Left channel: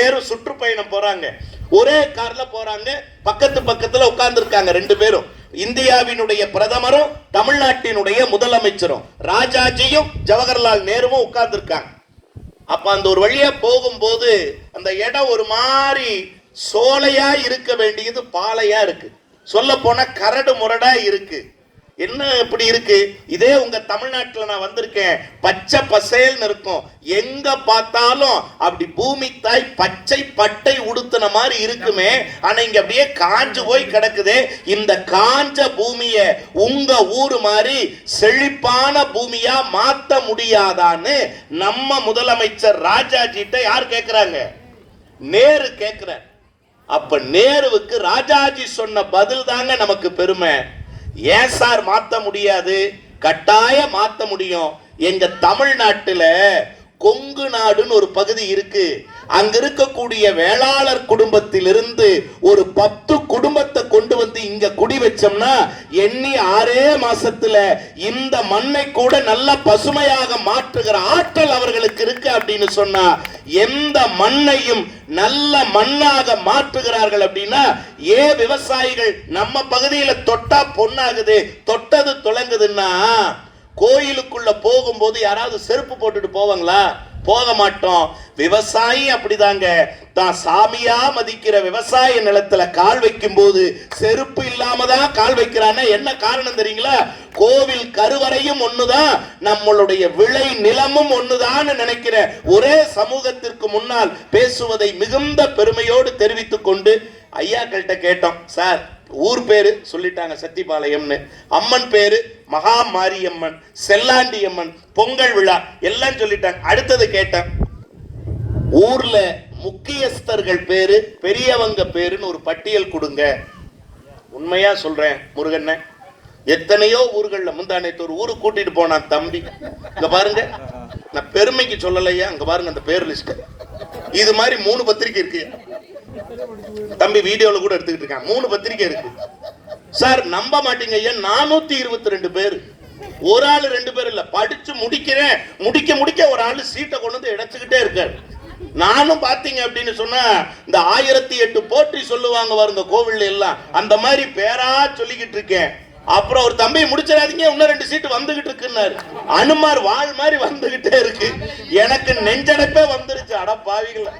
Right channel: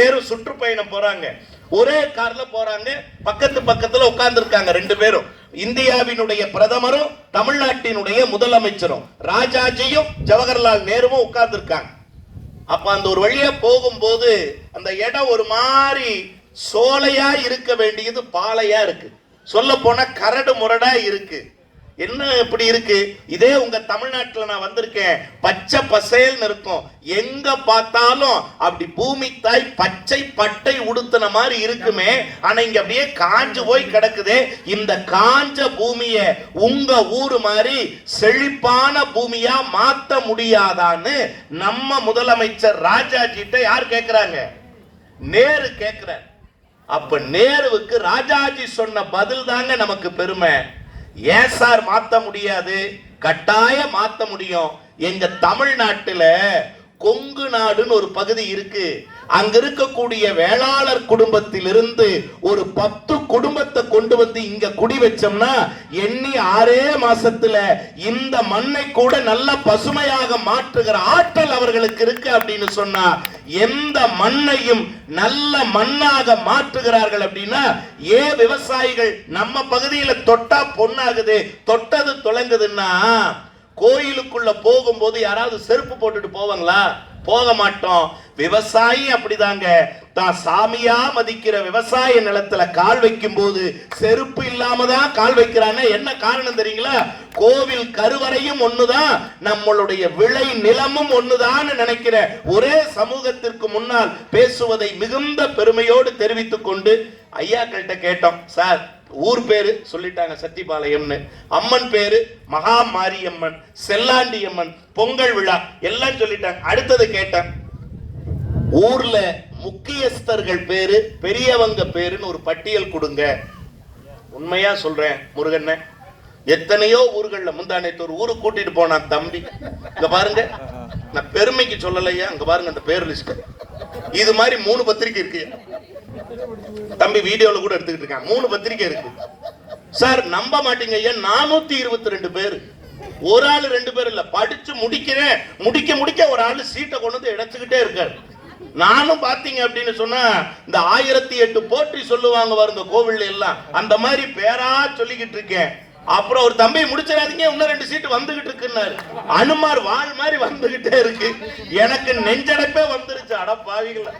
பேரும் சுற்றுப்பயணம் போறாங்க. ஒரே கார்ல போறாங்க. பக்கத்துல உட்கார்ந்து இருக்காங்க ரெண்டு பேரும். இந்தியாவினுடைய பிரதமரும் தமிழ்நாட்டினுடைய முதலமைச்சரும் ராஜாஜியும் ஜவஹர்லால் நேருவும் உட்கார்ந்து இருக்காங்க. அப்ப அந்த ஒரு வழியா போகும்போது அந்த இடம் ஒரு மாதிரி சோலையா இருக்க வேண்டியது பாலையா இருக்கு. சொல்ல போனா கரடு முரடா இருக்கு. என்ன இப்படி இருக்கு? இதே உங்க தமிழ்நாட்டில் நான் வந்திருக்கேன், பச்சை பசேல்னு இருக்கும். எங்க பார்த்தாலும் அப்படி பூமி தாய் பச்சை பட்டை உடுத்தின மாதிரி இருக்குமே. ஆனா இங்க அப்படியே காஞ்சு போய் கிடக்குதே. இந்த காஞ்ச பூமிய உங்க ஊரு மாதிரி செழிப்பான பூமியா மாத்த முடியாதான்னு நம்ம முதலமைச்சர் ராஜாஜிட்ட யார் கேட்கிறாங்க? நேரு கேட்கிறார். அப்ப நேருவுக்கு ராஜாஜி சொன்ன பதில் தாங்க நமக்கு பெருமை. ஏன் சார் மாத்த முடியாது? கட்டாயம் மாத்த முடியும். எங்க தமிழ்நாட்டுல கொங்கு நாடுன்னு ஒரு பகுதி இருக்கு. அங்க இருக்கக்கூடிய வேளாளர் குடும்பத்திலிருந்து ஒரு 10 குடும்பத்தை கொண்டு வந்து இங்க குடி வச்சோம்னா எண்ணி 6 மாசத்துல இந்த மண்ணை கூட நல்ல பசுமையாக மாற்றுகிற ஆற்றல் அவர்களுக்கு இருக்கு அப்படின்னு சொன்னா, எந்த மண்ணையும் நல்ல மண்ணாக மாற்றுகிறார்கள் அப்படின்னா, ஏன் விவசாயிகள் நம்ம பகுதியில தொட்டா பொண்ணாகுது, தொட்டது துளங்குதுன்னா, கோயிலுக்குள்ள போகும்போது யாராவது செருப்பு போட்டுட்டு போவாங்களா? போக மாட்டோம். விவசாயி அப்படிதாங்க. தான் சாமியா மதிக்கிற விவசாய நிலத்துல கால் வைக்கும் போது செருப்பு இல்லாம தான் கால் வைக்கிறான்னா என்ன காரணம் தெரியுங்களா? கோவில் கருவறையும் ஒண்ணுதான், நம்மளுடைய விளை நிலமும் ஒண்ணுதான் நினைக்கிற ஒரே சமூகத்திற்கு முன்னால் பேசுவதை மிகுந்த பெருமையோடு தெரிவித்துக் கொண்டு ஐயாக்கள்கிட்ட கேட்டோம். சார், ஊர் பேரு சொல்லிட்டாங்க சத்திபாளையம்னு, அம்மன் பேரு மகா மாரியம்மன், செல்லாண்டி அம்மன், பொங்கல் விழா எல்லாம் சொல்லிட்டாங்க. அடுத்தது கேட்டேன், ஊர்ல முக்கியஸ்தர்கள் பேரு பெரியவங்க பேருன்னு ஒரு பட்டியல் கொடுங்க. உண்மையா சொல்றேன் முருகன், எத்தனையோ ஊர்கள்ல முந்தானத்து ஒரு ஊருக்கு கூட்டிட்டு போனான் தம்பி. இங்க பாருங்க, நான் பெருமைக்கு சொல்லலையா, அங்க பாருங்க அந்த பேர் லிஸ்ட். இது மாதிரி 3 பத்திரிகை இருக்கு. தம்பி வீடியோல கூட எடுத்துக்கிட்டு இருக்கான். 3 பத்திரிகை இருக்கு சார். நம்ப மாட்டீங்க ஐயா, 422 பேர். ஒரு ஆளு 2 பேர் இல்ல, படிச்சு முடிக்க ஒரு ஆளு சீட்டை கொண்டு வந்து இடைச்சுக்கிட்டே இருக்காரு. நானும் பாத்தீங்க அப்படின்னு சொன்னா இந்த 1008 போற்றி சொல்லுவாங்க வருங்க கோவில்ல எல்லாம், அந்த மாதிரி பேரா சொல்லிக்கிட்டு இருக்கேன். அப்புறம் ஒரு தம்பி முடிச்சிடாதீங்க, இன்னும் 2 சீட்டு வந்துகிட்டு இருக்குன்னாரு. அனுமார் வாழ் மாதிரி வந்துகிட்டே இருக்கு. எனக்கு நெஞ்சடைப்பே வந்துருச்சு. அட பாவிகளா,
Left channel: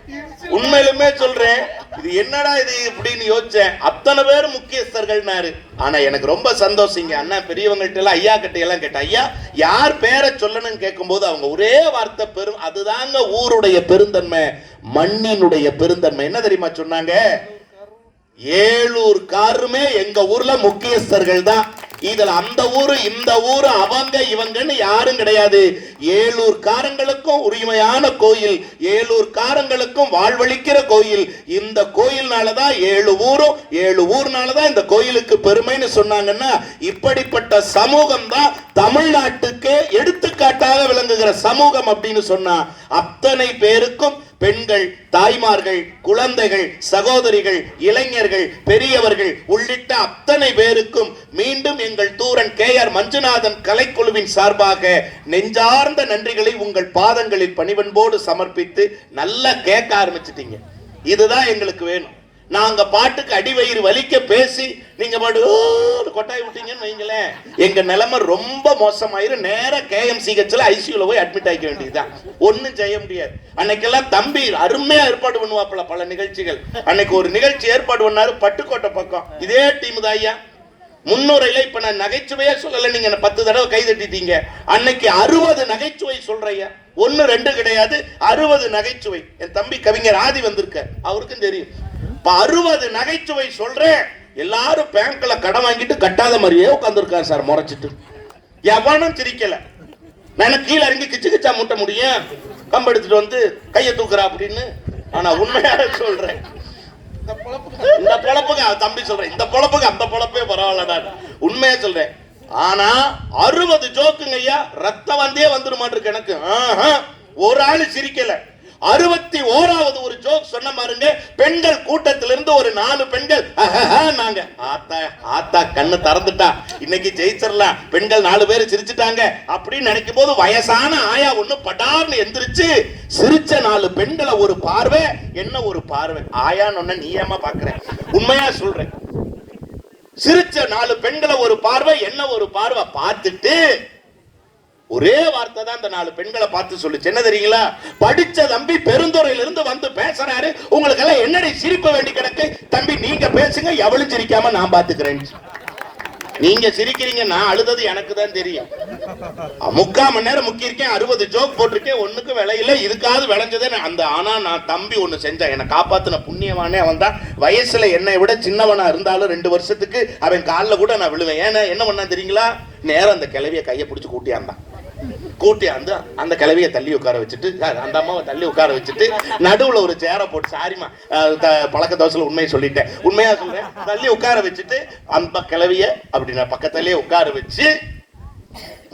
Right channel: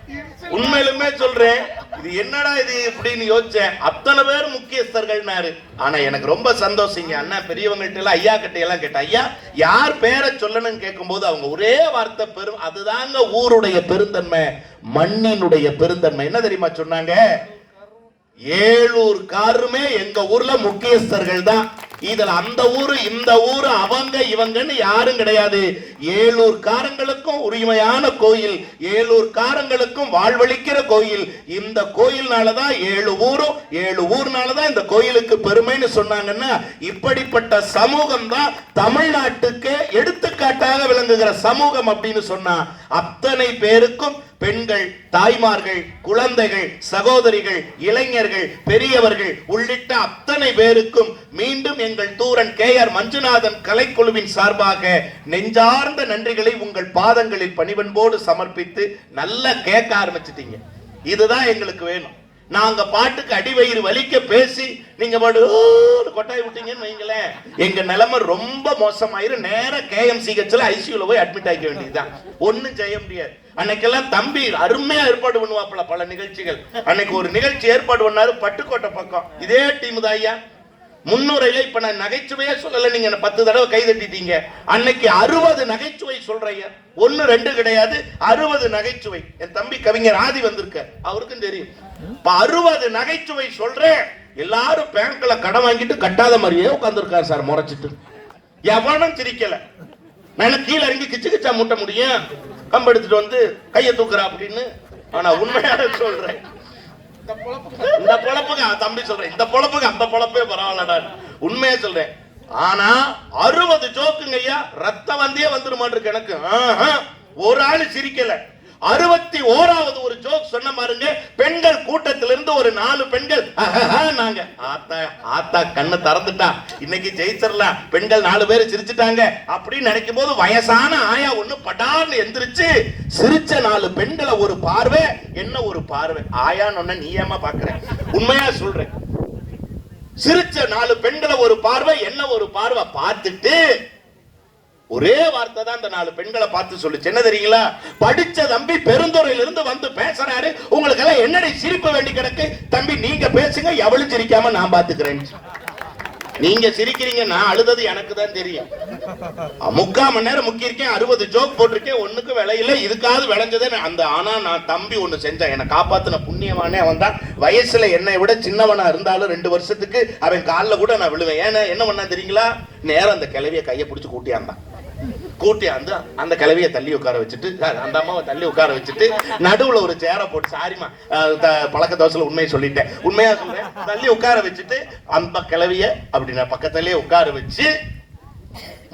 உண்மையிலுமே சொல்றேன், இது என்னடா இது இப்படின்னு யோசிச்சேன். அத்தனை பேர் முக்கியஸ்தர்கள்னாரு. ஆனா எனக்கு ரொம்ப சந்தோஷங்க. அண்ணா பெரியவங்கள்ட்ட எல்லாம் ஐயா கிட்ட எல்லாம் கேட்டேன், ஐயா யார் பேரை சொல்லணும்னு கேட்கும் போது அவங்க ஒரே வார்த்தை பெரும், அதுதாங்க ஊருடைய பெருந்தன்மை, மண்ணினுடைய பெருந்தன்மை. என்ன தெரியுமா சொன்னாங்க? 7 காருமே எங்க ஊர்ல முக்கியஸ்தர்கள் தான். இதுல அந்த ஊரு இந்த ஊரு அவங்க இவங்கன்னு யாரும் கிடையாது. 7 காரங்களுக்கும் உரிமையான கோயில், 7 காரங்களுக்கும் வாழ்வளிக்கிற கோயில். இந்த கோயில்னாலதான் 7 ஊர்னாலதான் இந்த கோயிலுக்கு பெருமைன்னு சொன்னாங்கன்னா, இப்படிப்பட்ட சமூகம் தான் தமிழ்நாட்டுக்கு எடுத்துக்காட்டாக விளங்குகிற சமூகம் அப்படின்னு சொன்னா, அத்தனை பேருக்கும் பெண்கள், தாய்மார்கள், குழந்தைகள், சகோதரிகள், இளைஞர்கள், பெரியவர்கள் உள்ளிட்ட அத்தனை பேருக்கும் மீண்டும் எங்கள் தூரன் KR மஞ்சுநாதன் கலைக்குழுவின் சார்பாக நெஞ்சார்ந்த நன்றிகளை உங்கள் பாதங்களில் பணிவன்போடு சமர்ப்பித்து நல்லா கேட்க ஆரம்பிச்சிட்டீங்க. இதுதான் எங்களுக்கு வேணும். நாங்க பாட்டுக்கு அடிவயிறு வலிக்க பேசி நீங்க கொட்டாய் விட்டீங்கன்னு வைங்களேன், எங்க நிலைமை ரொம்ப மோசமாயிரும். நேர KMCHல ICUல போய் அட்மிட் ஆகிக்க வேண்டியதுதான். ஒன்னும் செய்ய முடியாது. அன்னைக்கெல்லாம் தம்பி அருமையா ஏற்பாடு பண்ணுவாப்புல பல நிகழ்ச்சிகள். அன்னைக்கு ஒரு நிகழ்ச்சி ஏற்பாடு பண்ணாரு பட்டுக்கோட்டை பக்கம். இதே டீம் தான் ஐயா. முன்னுரையில இப்ப நான் நகைச்சுவையா சொல்லல, நீங்க 10 தடவை கை தட்டிட்டீங்க. அன்னைக்கு 60 நகைச்சுவை சொல்றையா, 1 2 கிடையாது, 60 நகைச்சுவை. என் தம்பி கவிஞர் ஆதி வந்திருக்க, அவருக்கும் தெரியும். 60 நகைச்சுவை சொல்றேன். எல்லாரும் பேங்க்ல கடன் வாங்கிட்டு கட்டாத மாதிரியே உட்கார்ந்துருக்காரு சார் முறைச்சிட்டு. எவனும் சிரிக்கல. நான் கீழே இறங்கி கிச்சு கிச்சா மூட்ட முடியும், கம்பு எடுத்துட்டு வந்து கையை தூக்குறா அப்படின்னு. ஆனா உண்மையாக சொல்றேன், இந்த பொழப்புக்கு தம்பி சொல்றேன், இந்த பொழப்புக்கு அந்த பொழப்பே பரவாயில்லடா, உண்மையா சொல்றேன். ஆனா 60 ஜோக்குங்க ஐயா, ரத்த வந்தே வந்துருமான் இருக்கு எனக்கு. ஒரு ஆளு சிரிக்கல. 61வது ஒரு ஜோக் சொன்ன பாருங்க. பெண்கள் கூட்டத்திலிருந்து ஒரு 4 பெண்கள் நாங்க ஆத்தா ஆத்தா கண்ணு திறந்துட்டா, இன்னைக்கு ஜெயிச்சிடலாம், பெண்கள் 4 பேர் சிரிச்சுட்டாங்க அப்படின்னு நினைக்கும் போது வயசான ஆயா ஒண்ணு படார்னு எந்திரிச்சு சிரிச்ச 4 பெண்களை ஒரு பார்வை. என்ன ஒரு பார்வை! ஆயான்னு ஒண்ணு நீ ஏமா பாக்குற? உண்மையா சொல்றேன். சிரிச்ச 4 பெண்களை ஒரு பார்வை. என்ன ஒரு பார்வை! பார்த்துட்டு ஒரே வார்த்தை தான் அந்த 4 பெண்களை பார்த்து சொல்லுச்சு. என்ன தெரியுங்களா? படிச்ச தம்பி பெருந்துறையில இருந்து வந்து பேசுறாரு, உங்களுக்கு எல்லாம் என்னடி சிரிப்ப வேண்டி கிடக்கு? தம்பி நீங்க பேசுங்க, எவளும் சிரிக்காம நான் பாத்துக்கிறேன். நீங்க சிரிக்கிறீங்க, நான் அழுதது எனக்கு தான் தெரியும். 3/4 மணி நேரம் முக்கியிருக்கேன், 60 ஜோக் போட்டிருக்கேன், ஒண்ணுக்கு விளையில. இதுக்காவது விளைஞ்சதே அந்த. ஆனா நான் தம்பி ஒண்ணு செஞ்சேன், என்னை காப்பாத்தின புண்ணியவானே அவன் தான். வயசுல என்னை விட சின்னவனா இருந்தாலும் 2 வருஷத்துக்கு அவன் காலில் கூட நான் விழுவேன். ஏன்னா என்ன பண்ணா தெரியுங்களா? நேரம் அந்த கிளவிய கையை பிடிச்சி கூட்டியாந்தான். அந்த கிளவியை தள்ளி உட்கார வச்சுட்டு, அந்த அம்மாவை தள்ளி உட்கார வச்சுட்டு, நடுவுல ஒரு சேரை போட்டு, சாரிமா பழக்க தோசையில உண்மையை சொல்லிட்டேன், உண்மையா சொல்றேன், தள்ளி உட்கார வச்சுட்டு அந்த கிளவிய அப்படின்னா பக்கத்திலேயே உட்கார வச்சு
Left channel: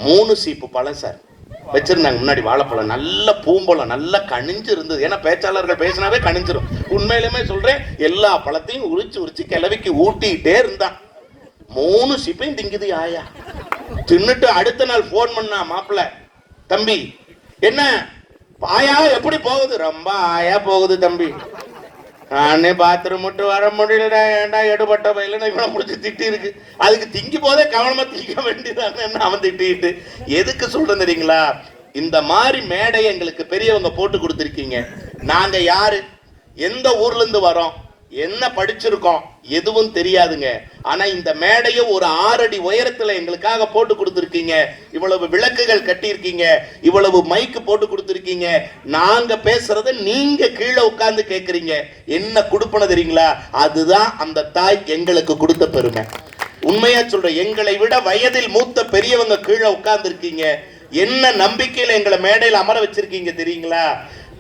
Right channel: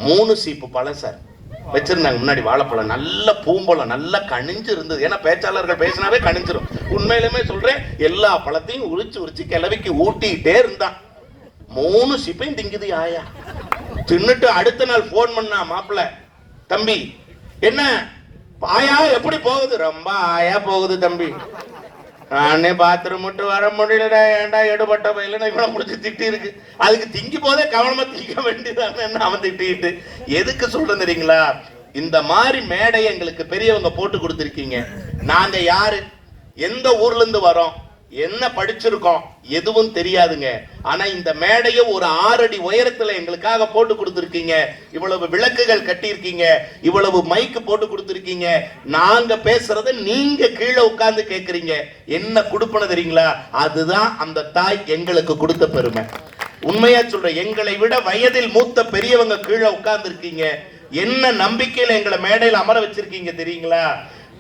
3 சீப்பு பழம் சார் வச்சிருந்தாங்க முன்னாடி. வாழைப்பழம் நல்ல பூம்பழம், நல்லா கனிஞ்சு இருந்தது. ஏன்னா பேச்சாளர்கள் பேசினாவே கனிஞ்சிரும். உண்மையிலுமே சொல்றேன், எல்லா பழத்தையும் உரிச்சு கிளவிக்கு ஊட்டிட்டே இருந்தான். 3 சீப்பையும் திங்குது ஆயா. தின்னுட்டு அடுத்த நாள் போன் பண்ணா, மாப்பிள்ள தம்பி என்ன ஆயா எப்படி போகுது? ரொம்ப ஆயா போகுது தம்பி, நானே பாத்ரூம் மட்டும் வர முடியலடா, ஏன்டா எடுபட்ட பயில இவ்வளவு முடிச்சு திட்டி இருக்கு, அதுக்கு திங்கி போதே கவனமா திங்க வேண்டியதானு அவன் திட்டிட்டு. எதுக்கு சொல்றேன் தெரியுங்களா? இந்த மாதிரி மேடை எங்களுக்கு பெரியவங்க போட்டு கொடுத்துருக்கீங்க. நாங்க யாரு, எந்த ஊர்ல இருந்து வரோம், என்ன படிச்சிருக்கோம், எதுவும் தெரியாதுங்க. ஆனா இந்த மேடையை ஒரு 6 அடி உயரத்துல எங்களுக்காக போட்டு கொடுத்துருக்கீங்க. இவ்வளவு விளக்குகள் கட்டியிருக்கீங்க, இவ்வளவு மைக்கு போட்டு கொடுத்துருக்கீங்க. நாங்க பேசுறத நீங்க கீழே உட்கார்ந்து கேட்கறீங்க. என்ன கொடுப்பன தெரியுங்களா? அதுதான் அந்த தாய் எங்களுக்கு கொடுத்த பெருமை. உண்மையா சொல்றேன், எங்களை விட வயதில் மூத்த பெரியவங்க கீழே உட்கார்ந்து இருக்கீங்க. என்ன நம்பிக்கையில எங்களை மேடையில் அமர வச்சிருக்கீங்க தெரியுங்களா?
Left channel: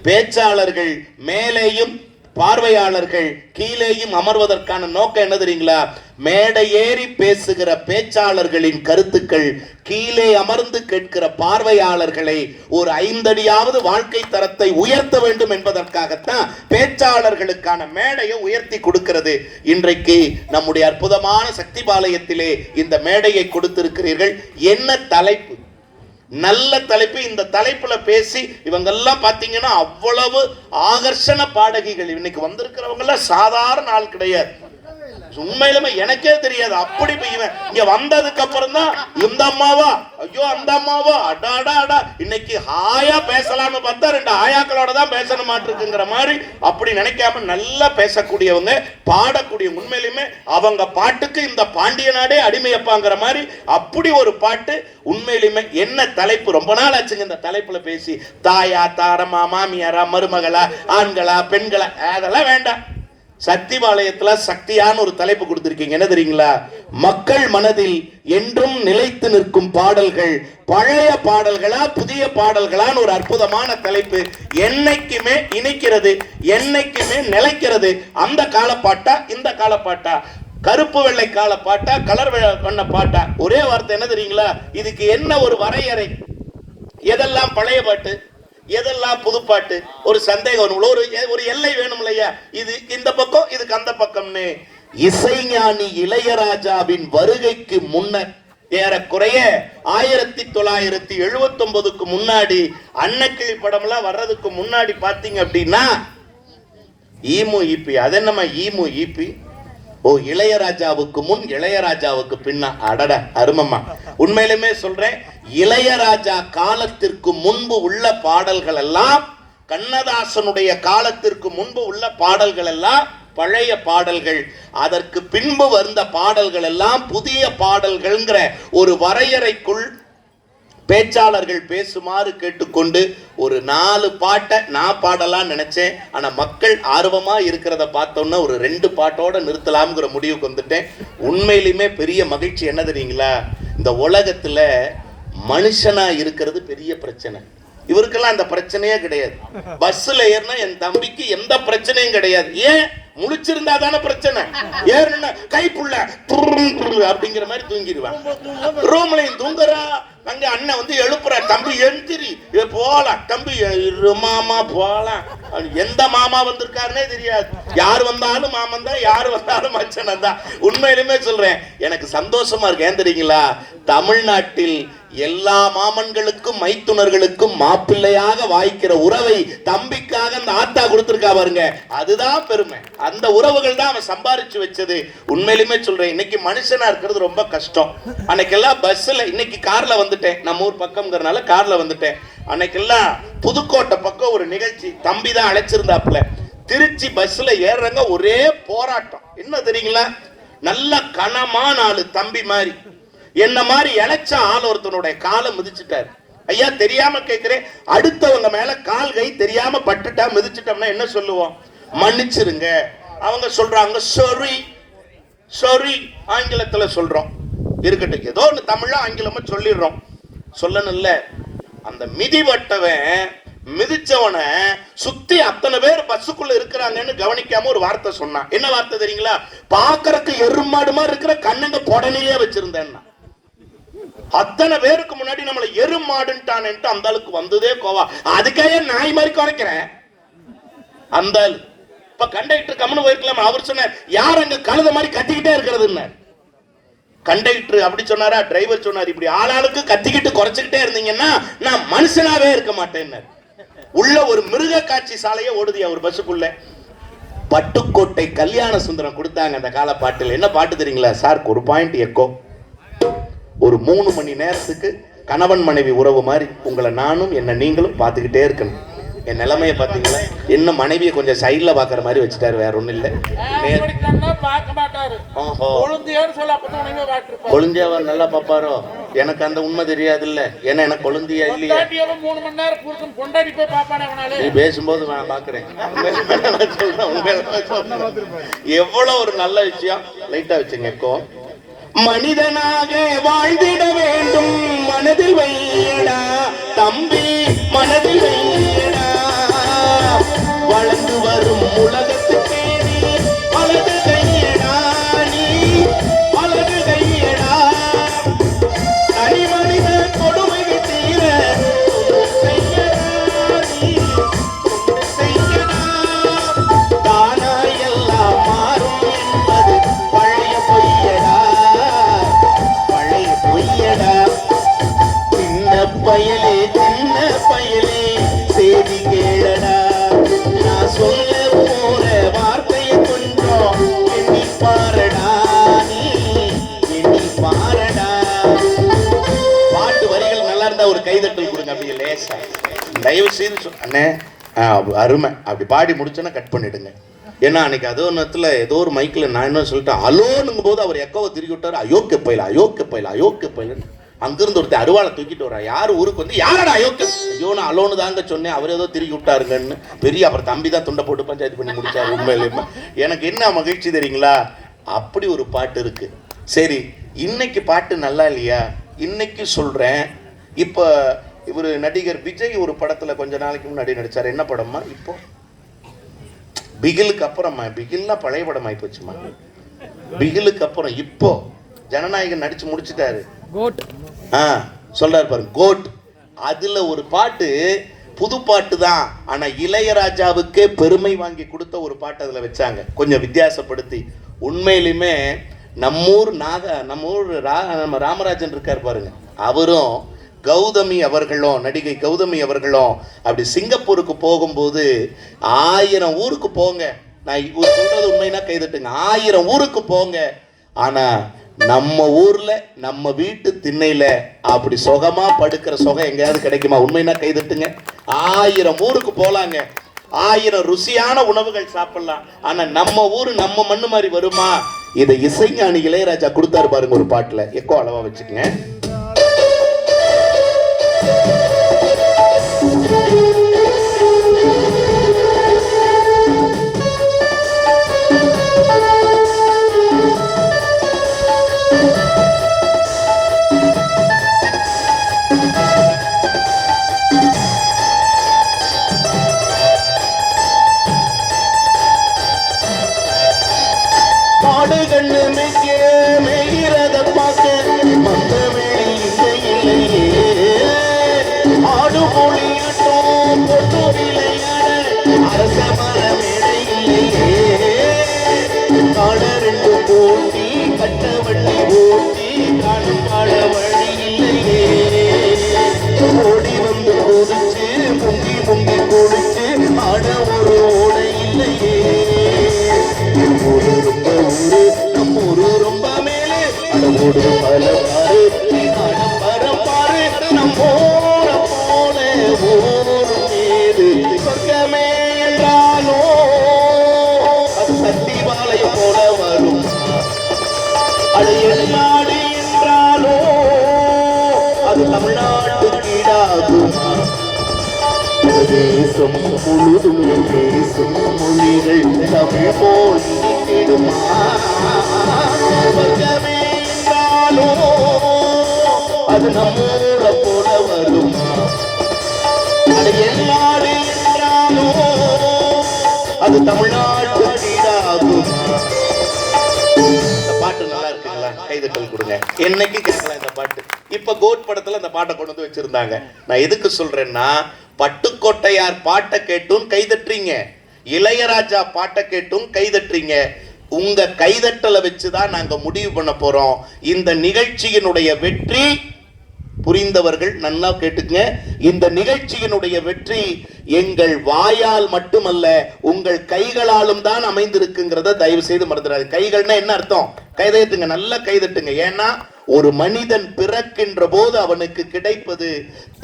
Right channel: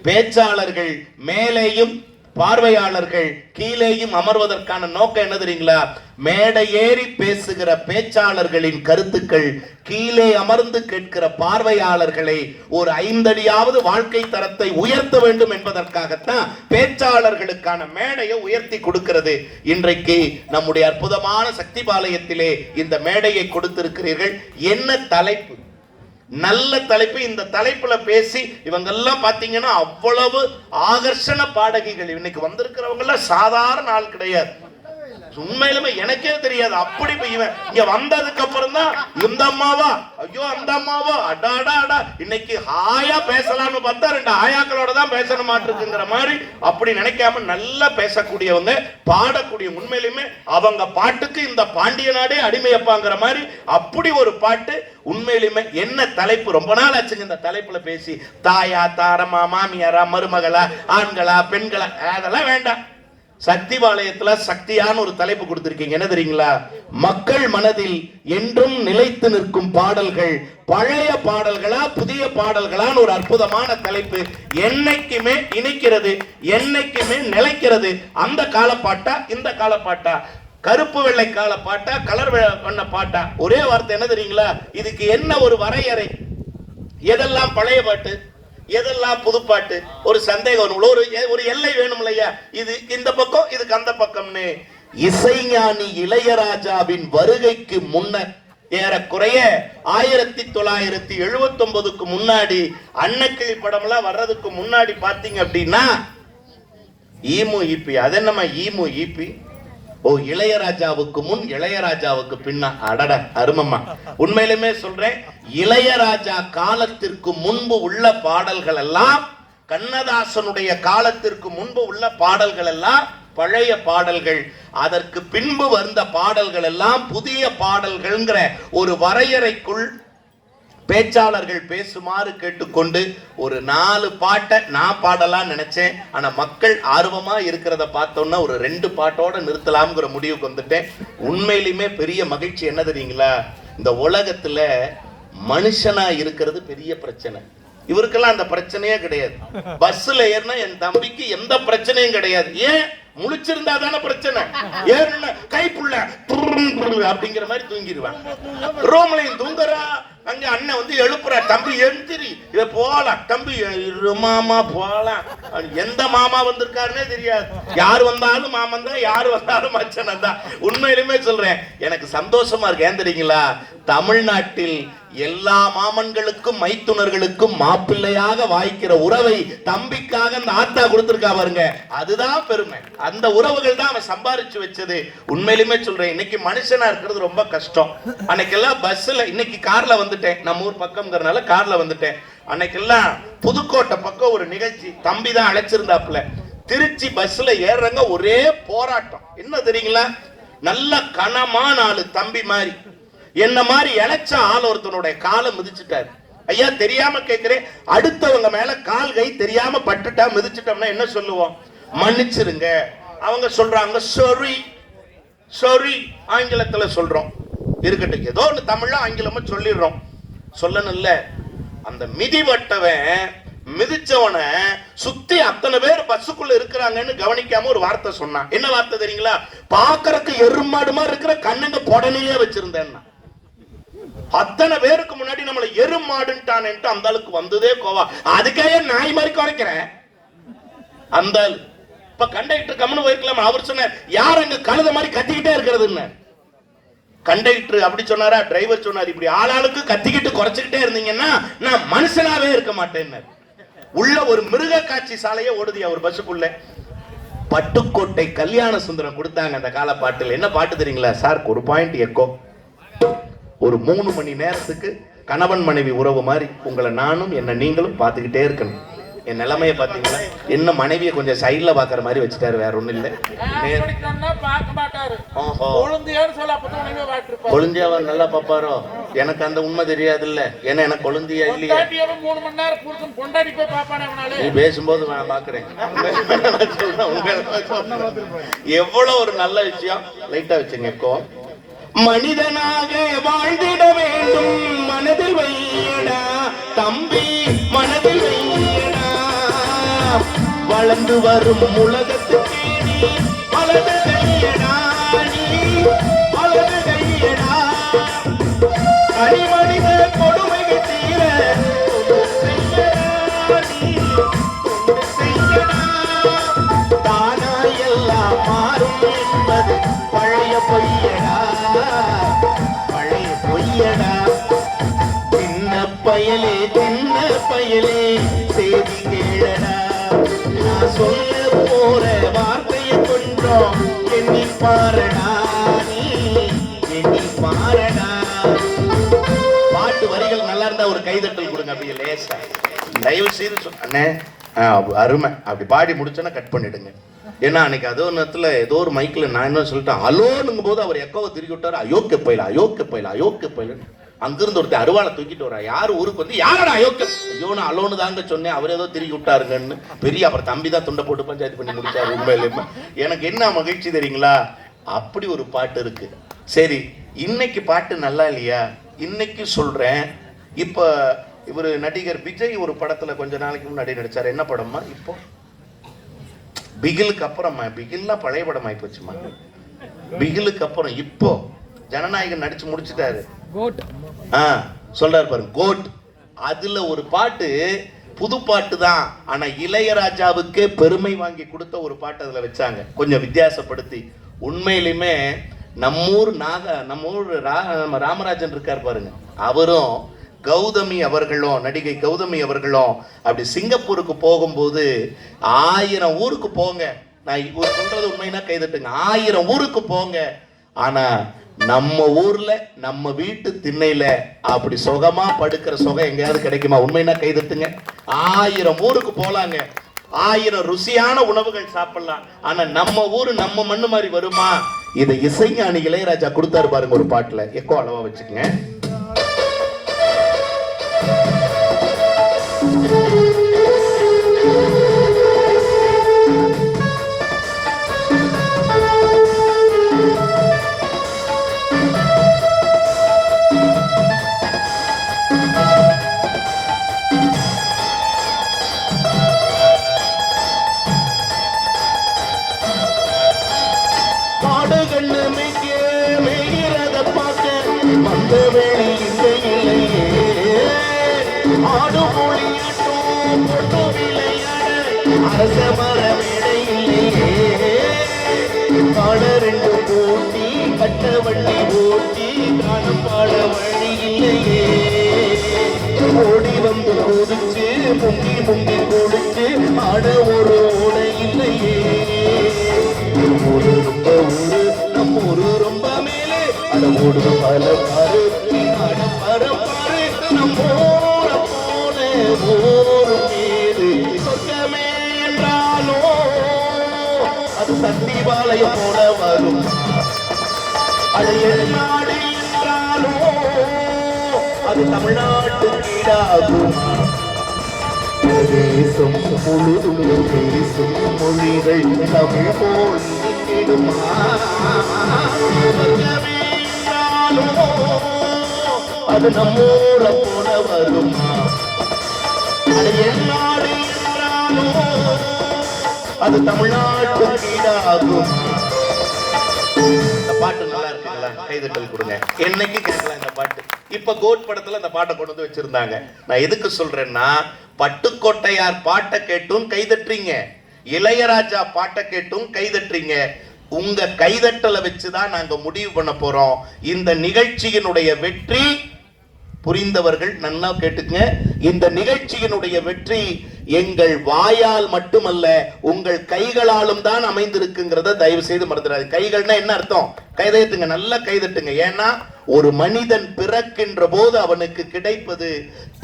பேச்சாளர்கள் மேலேயும் பார்வையாளர்கள் கீழேயும் அமர்வதற்கான நோக்கம் என்ன தெரியுங்களா? மேடை ஏறி பேசுகிற பேச்சாளர்களின் கருத்துக்கள் கீழே அமர்ந்து கேட்கிற பார்வையாளர்களை ஒரு 5 அடியாவது வாழ்க்கை தரத்தை உயர்த்த வேண்டும் என்பதற்காகத்தான் பேச்சாளர்களுக்கான மேடையை உயர்த்தி கொடுக்கிறது. இன்றைக்கு நம்முடைய அற்புதமான சக்தி பாளையத்திலே இந்த மேடையை கொடுத்திருக்கிறீர்கள். என்ன தலைப்பு? நல்ல தலைப்பு. இந்த தலைப்புல பேசி இவங்க எல்லாம் பாத்தீங்கன்னா அவ்வளவு ஆகர்ஷண பாடகிகள். இன்னைக்கு வந்திருக்கிறவங்க எல்லாம் சாதாரண ஆள் கிடையாது. உண்மையிலுமே எனக்கே தெரியாது. அப்படி இங்க வந்ததுக்கு அப்புறம் தான் இந்த அம்மாவா, ஐயோ அந்த அம்மாவா, அடாடா இன்னைக்கு ஹாயா பேசலாம்னு பார்த்தா 2 ஆயாக்களோட தான் பேசணும் மாட்டிருக்குங்கிற மாதிரி அப்படி நினைக்காம நல்லா பேசக்கூடியவங்க, பாடக்கூடிய. உண்மையிலுமே அவங்க பாட்டுக்கு இந்த பாண்டிய நாடே அடிமையப்பாங்கிற மாதிரி அப்படி ஒரு பாட்டு. உண்மையிலுமே என்ன தலைப்பு! ரொம்ப நாள் ஆச்சுங்க இந்த தலைப்புல பேசி. தாயா, தாரமா, மாமியாரா, மருமகளா, ஆண்களா, பெண்களா, அதெல்லாம் வேண்டாம். சக்தி பாளையத்துல சக்தியான ஒரு தலைப்பு கொடுத்திருக்கீங்க. என்ன தெரியுங்களா? மக்கள் மனதில் என்றும் நிலைத்து நிற்கும் பாடல்கள், பழைய பாடல்களா புதிய பாடல்களான்னு ஒரு அற்புதமான தலைப்பு. என்னைக்குமே இணைக்கிறது, என்னைக்குமே நிலைக்கிறது. அந்த காலப்பாட்டா இந்த காலப்பாட்டா, கருப்பு வெள்ளை கால பாட்டா கலர் வண்ண பாட்டா? ஒரே வார்த்தை என்ன தெரியுங்களா? இதுக்கு என்ன ஒரு வரையறை? எதெல்லாம் பழைய பாட்டு, எதெல்லாம் புதுப்பாட்டு? ஒரு சந்தேகம், ஒரு எல்லை வேணும் இல்லையா? இது இந்த பக்கம், இதுக்கு அந்த பக்கம்னு. இசைஞானி இளையராஜாவின் வருகைக்கு முன்னர் ஏறக்குறைய 1979க்கு முன்னாடி, அன்னக்கிளி படம் எல்லாம் வர்றதுக்கு முன்னாடி பாத்தீங்க அப்படின்னா ஈமு ஈபி. அது என்னமா ஈமு ஈபி? ஓ, இளையராஜாவுக்கு முன் இளையராஜாவுக்கு பின்னா. அடட அருமம்மா. உண்மையிலுமே சொல்றேன், இளையராஜா காலத்திற்கு முன்பு உள்ள பாடல்கள் எல்லாம், கண்ணதாசனுடைய காலத்திற்கு முன்பு உள்ள பாடல்கள் எல்லாம் பழைய பாடல்கள். அதற்கு பின்பு வந்த பாடல்கள் எல்லாம் புதிய பாடல்கள்ங்கிற ஒரு வரையறைக்குள் பேச்சாளர்கள் பேசுமாறு கேட்டுக்கொண்டு ஒரு 4 பாட்டை நான் பாடலாம் நினைச்சேன். ஆனா மக்கள் ஆர்வமா இருக்கிறத பார்த்தோம்னா ஒரு 2 பாட்டோட நிறுத்தலாம்ங்கிற முடிவுக்கு வந்துட்டேன். உண்மையிலுமே பெரிய மகிழ்ச்சி என்ன தெரியுங்களா? இந்த உலகத்துல மனுஷனா இருக்கிறது பெரிய பிரச்சனை. இவருக்கெல்லாம் அந்த பிரச்சனையே கிடையாது. பஸ்ல ஏறினா என் தம்பிக்கு எந்த பிரச்சனையும் கிடையாது. ஏன்? முழிச்சிருந்தா தானே பிரச்சனை. ஏறுன கைப்புள்ள அப்படிங்கிற மாதிரி தூங்கிடுவான். ரூம்லையும் தூங்குறா. அங்க அண்ணன் வந்து எழுப்புற, தம்பி எந்திரி, இத போலாம் தம்பி, மாமா போலாம். எந்த மாமா வந்திருக்காருன்னே தெரியாது. யார் வந்தாலும் மாமன் தான், யார் வந்தாலும் மச்சனம் தான். உண்மையிலுமே சொல்றேன், எனக்கு சந்தோஷமா இருக்கு. ஏன் தெரியுங்களா? தமிழ்நாட்டில் எல்லா மாமன்களுக்கும் மைத்துனர்களுக்கும் மாப்பிள்ளையாக வாய்க்கிற உறவை தம்பிக்காக அந்த ஆத்தா கொடுத்திருக்கா பாருங்க, அதுதான் பெருமை. அந்த உறவுகள் தான் அவன் சம்பாரிச்சு வச்சது. உண்மையிலுமே சொல்றேன், இன்னைக்கு மனுஷனா இருக்கிறது ரொம்ப கஷ்டம். அன்னைக்கெல்லாம் பஸ்ல, இன்னைக்கு கார்ல வந்துட்டேன், நம்ம ஊர் பக்கம்ங்கிறனால கார்ல வந்துட்டேன். அன்னைக்கெல்லாம் புதுக்கோட்டை பக்கம் ஒரு நிகழ்ச்சி, தம்பி தான் அழைச்சிருந்தாப்புல. திருச்சி பஸ்ல ஏறுறங்க ஒரே போராட்டம். என்ன தெரியுங்களா? நல்ல கனமான ஆளு, தம்பி மாதிரி, என்ன மாதிரி இழைச்ச ஆள் ஒருத்தனுடைய காலை மிதிச்சுட்டாரு. ஐயா தெரியாம கேட்கிறேன், அடுத்தவங்க மேல கால் கை தெரியாம பட்டுட்டா மிதிச்சுட்டோம்னா என்ன சொல்லுவோம்? மன்னிச்சிருங்க. அவங்க சொல்றாங்க சாரி, சாரி ஆங்கிலத்துல சொல்றோம். இருக்கட்டும், ஏதோ ஒன்று தமிழ்ல ஆங்கிலமா சொல்லிடுறோம். சொல்லணும் இல்ல. அந்த மிதிவட்டவன் மிதிச்சவனை சுத்தி அத்தனை பேர் பஸ்ஸுக்குள்ள இருக்கிறாங்கன்னு கவனிக்காம ஒரு வார்த்தை சொன்னான். என்ன வார்த்தை தெரியுங்களா? பாக்குறதுக்கு எருமாடு மாதிரி இருக்கிற கண்ணுங்க பொடனிலே வச்சிருந்தேன். அத்தனை பேருக்கு முன்னாடி நம்மளை எருமாடுன்ட்டான். அந்த ஆளுக்கு வந்ததே கோவா. அதுக்கே நாய் மாதிரி குறைக்கிறேன். அந்த இப்ப கண்டக்டர் கம்முன்னு போயிருக்கலாம். அவர் சொன்னார், யார் அங்க கழுத மாதிரி கத்திக்கிட்டே இருக்கிறது. கண்டக்டர் அப்படி சொன்னாரா? டிரைவர் சொன்னார், இப்படி ஆளாளுக்கு கத்திக்கிட்டு குறைச்சுக்கிட்டே இருந்தீங்கன்னா நான் மனுஷனாவே இருக்க மாட்டேன். உள்ள ஒரு மிருக காட்சி சாலையே ஓடுதியா ஒரு பஸ்ஸுக்குள்ள. பட்டுக்கோட்டை கல்யாண சுந்தரம் கொடுத்தாங்க அந்த கால பாட்டில். என்ன பாட்டு தெரியுங்களா சார்? ஒரு பாயிண்ட் எக்கோ. ஒரு 3 மணி நேரத்துக்கு கணவன் மனைவி உறவு மாதிரி உங்களை நானும் என்ன நீங்களும் பார்த்துக்கிட்டே இருக்கணும். என் நிலைமையை பார்த்தீங்களா? என்ன மனைவியை கொஞ்சம் சைட்ல பாக்குற மாதிரி வச்சுட்டாரு, வேற ஒண்ணும் இல்ல. கொழுந்தியாவா நல்லா பாப்பாரோ? எனக்கு அந்த உண்மை தெரியாது இல்ல. ஏன்னா எனக்கு கொழுந்தியா இல்லையா? நீ பேசும்போது நான் பாக்குறேன். எவ்வளவு ஒரு நல்ல விஷயம். லைட்டா வச்சுங்க. இப்போ மனிதனாக வாழ்ந்திட வேண்டும், மனதில் வையடா தம்பி, மனதில் வையடா. வளர்ந்து வரும் உலகத்துக்கே நீ வலது கையடா, நீ வலது கையடா. தனி மனித கொடுமை தீர செய்யடா, நீ செய்யடா. தானா எல்லாம் மாறும் என்பது பழைய பொய்யடா, பழைய பொய்யடா. சின்ன பயலே, சின்ன பயலே செய்தி கேளடா. நான் சொல்ல போற வார்த்தையை கொஞ்சம் எண்ணி பாரடா, நீ எண்ணி பாரடா. பாட்டு வரிகள் நல்லா இருந்தா ஒரு கைதட்டல் கொடுங்க. அப்படியே லேசா தயவு செய்து அண்ணே அருமை அப்படி பாடி முடிச்சோன்னா கட் பண்ணிடுங்க. ஏன்னா அன்னைக்கு அதோ நேரத்தில் ஏதோ ஒரு மைக்கில் நான் என்ன சொல்லிட்டேன், அலோனுங்கும் போது அவர் எக்கோவை திருக்கி விட்டாரு. அயோக்கிய பயில, அயோக்கிய பயில, அயோக்கிய பயிலன்னு. அங்கிருந்து ஒருத்தர் அருவாளை தூக்கிட்டு வரா. யார் ஊருக்கு வந்து, யாரடா அயோக்கிய? ஐயோ நான் அலோனு தாங்க சொன்னேன், அவர் ஏதோ திருக்கி விட்டாருங்கன்னு. பெரிய அப்புறம் தம்பி தான் துண்டை போட்டு பஞ்சாயத்து பண்ணி முடிச்சாரு. உண்மையிலேயே எனக்கு என்ன மகிழ்ச்சி தெரியுங்களா? அப்படி ஒரு பாட்டு இருக்கு. சரி, இன்னைக்கு பாட்டு நல்லா இல்லையா? இன்னைக்கு சொல்றேன். இப்போ இவர் நடிகர் விஜய் ஒரு படத்துல கொஞ்ச நாளைக்கு முன்னாடி நடிச்சார். என்ன படமா? இப்போ பிகிலுக்கு அப்புறமா, பிகில்லாம் பழைய படம் ஆகி போச்சுமா. பிகிலுக்கு அப்புறம் இப்போ ஜனநாயகன் நடிச்சு முடிச்சுட்டாரு. சொல்றாரு பாருங்க, கோட். அதுல ஒரு பாட்டு புது பாட்டு தான், ஆனா இளையராஜாவுக்கே பெருமை வாங்கி கொடுத்த ஒரு பாட்டு அதுல வச்சாங்க, கொஞ்சம் வித்தியாசப்படுத்தி. உண்மையிலுமே நம்மூர் நம்ம ராமராஜன் இருக்கார் பாருங்க, அவரும் கௌதமி அவர்களும், நடிகை கௌதமி அவர்களும் அப்படி சிங்கப்பூருக்கு போகும்போது 1000 ஊருக்கு போங்க. நான் சொல்றது உண்மைனா கைதட்டுங்க. 1000 ஊருக்கு போங்க, ஆனா நம்ம ஊர்ல நம்ம வீட்டு திண்ணையில அப்படி சுகமா படுக்கிற சுகம் எங்கேயாவது கிடைக்குமா? உண்மைனா கைதட்டுங்க. 1000 ஊருக்கு போலாங்க, 1000 ருசியான உணவுகள் சாப்பிடலாம், ஆனா நம்ம ஊரு நம்ம மண்ணு மாதிரி வருமா? இதை இசைஞானி இளையராஜா கொடுத்தாரு பாருங்க ஒரு பாட்டுல. எக்கோ அளவா வச்சுக்கங்க. மாடு கண்ணு மேய்கிறத பார்க்க வந்த வேலை இங்க இல்லையே. ஆடு மொழியாட்டம் பொட்டு விளையாட அரச மர மேடை இல்லையே. காண ரெண்டு போட்டி கட்ட வண்டி ஓட்டி காணும் காண வழி இல்லையே. ஓடி வந்து கொதிச்சு முங்கி முங்கி கொடுத்து ஆட ஒரு ஓடை இல்லையே. ஊரு ரொம்ப ஊரு நம்ம ஊரு ரொம்ப மேலே அந்த ஊரு பல பாரு பரப்பாரு நம்ம ஊர போல ஊரு மீது சொர்க்கமே என்றாலோ அது சத்திவாலயம் போல வரும். அடைய நாடு என்றாலோ அது தமிழ்நாட்டு கீழாகும். தேசம் முழுதும் பேசும் மொழிகள் தமிழ் போல் என்றாலோ அது நம்மூர போல வரும். நாடு என்றாலோ அது தமிழ்நாட்டு கீழாகும். பாட்டு நல்லா இருக்குங்களா? கைதட்டல் கொடுங்க. என்னைக்கு கேட்கலாம் இந்த பாட்டு. இப்ப கோட் படத்துல அந்த பாட்டை கொண்டு வந்து வச்சிருந்தாங்க. நான் எதுக்கு சொல்றேன்னா, பட்டுக்கோட்டையார் பாட்டை கேட்டும் கைதட்டுறீங்க, இளையராஜா பாட்டை கேட்டும் கைதட்டுறீங்க. உங்க கைதட்டலை வச்சுதான் நாங்க முடிவு பண்ண போறோம். இந்த நிகழ்ச்சியினுடைய வெற்றி புரிந்தவர்கள் நல்லா கேட்டுங்க. இந்த நிகழ்ச்சியினுடைய வெற்றி எங்கள் வாயால் மட்டுமல்ல உங்கள் கைகளாலும் தான் அமைந்திருக்குங்கிறத தயவு செய்து மறந்துடாது. கைகள்னா என்ன அர்த்தம்? கைதட்டுங்க, நல்லா கைதட்டுங்க. ஏன்னா ஒரு மனிதன் பிறக்கின்ற போது அவனுக்கு கிடைப்பது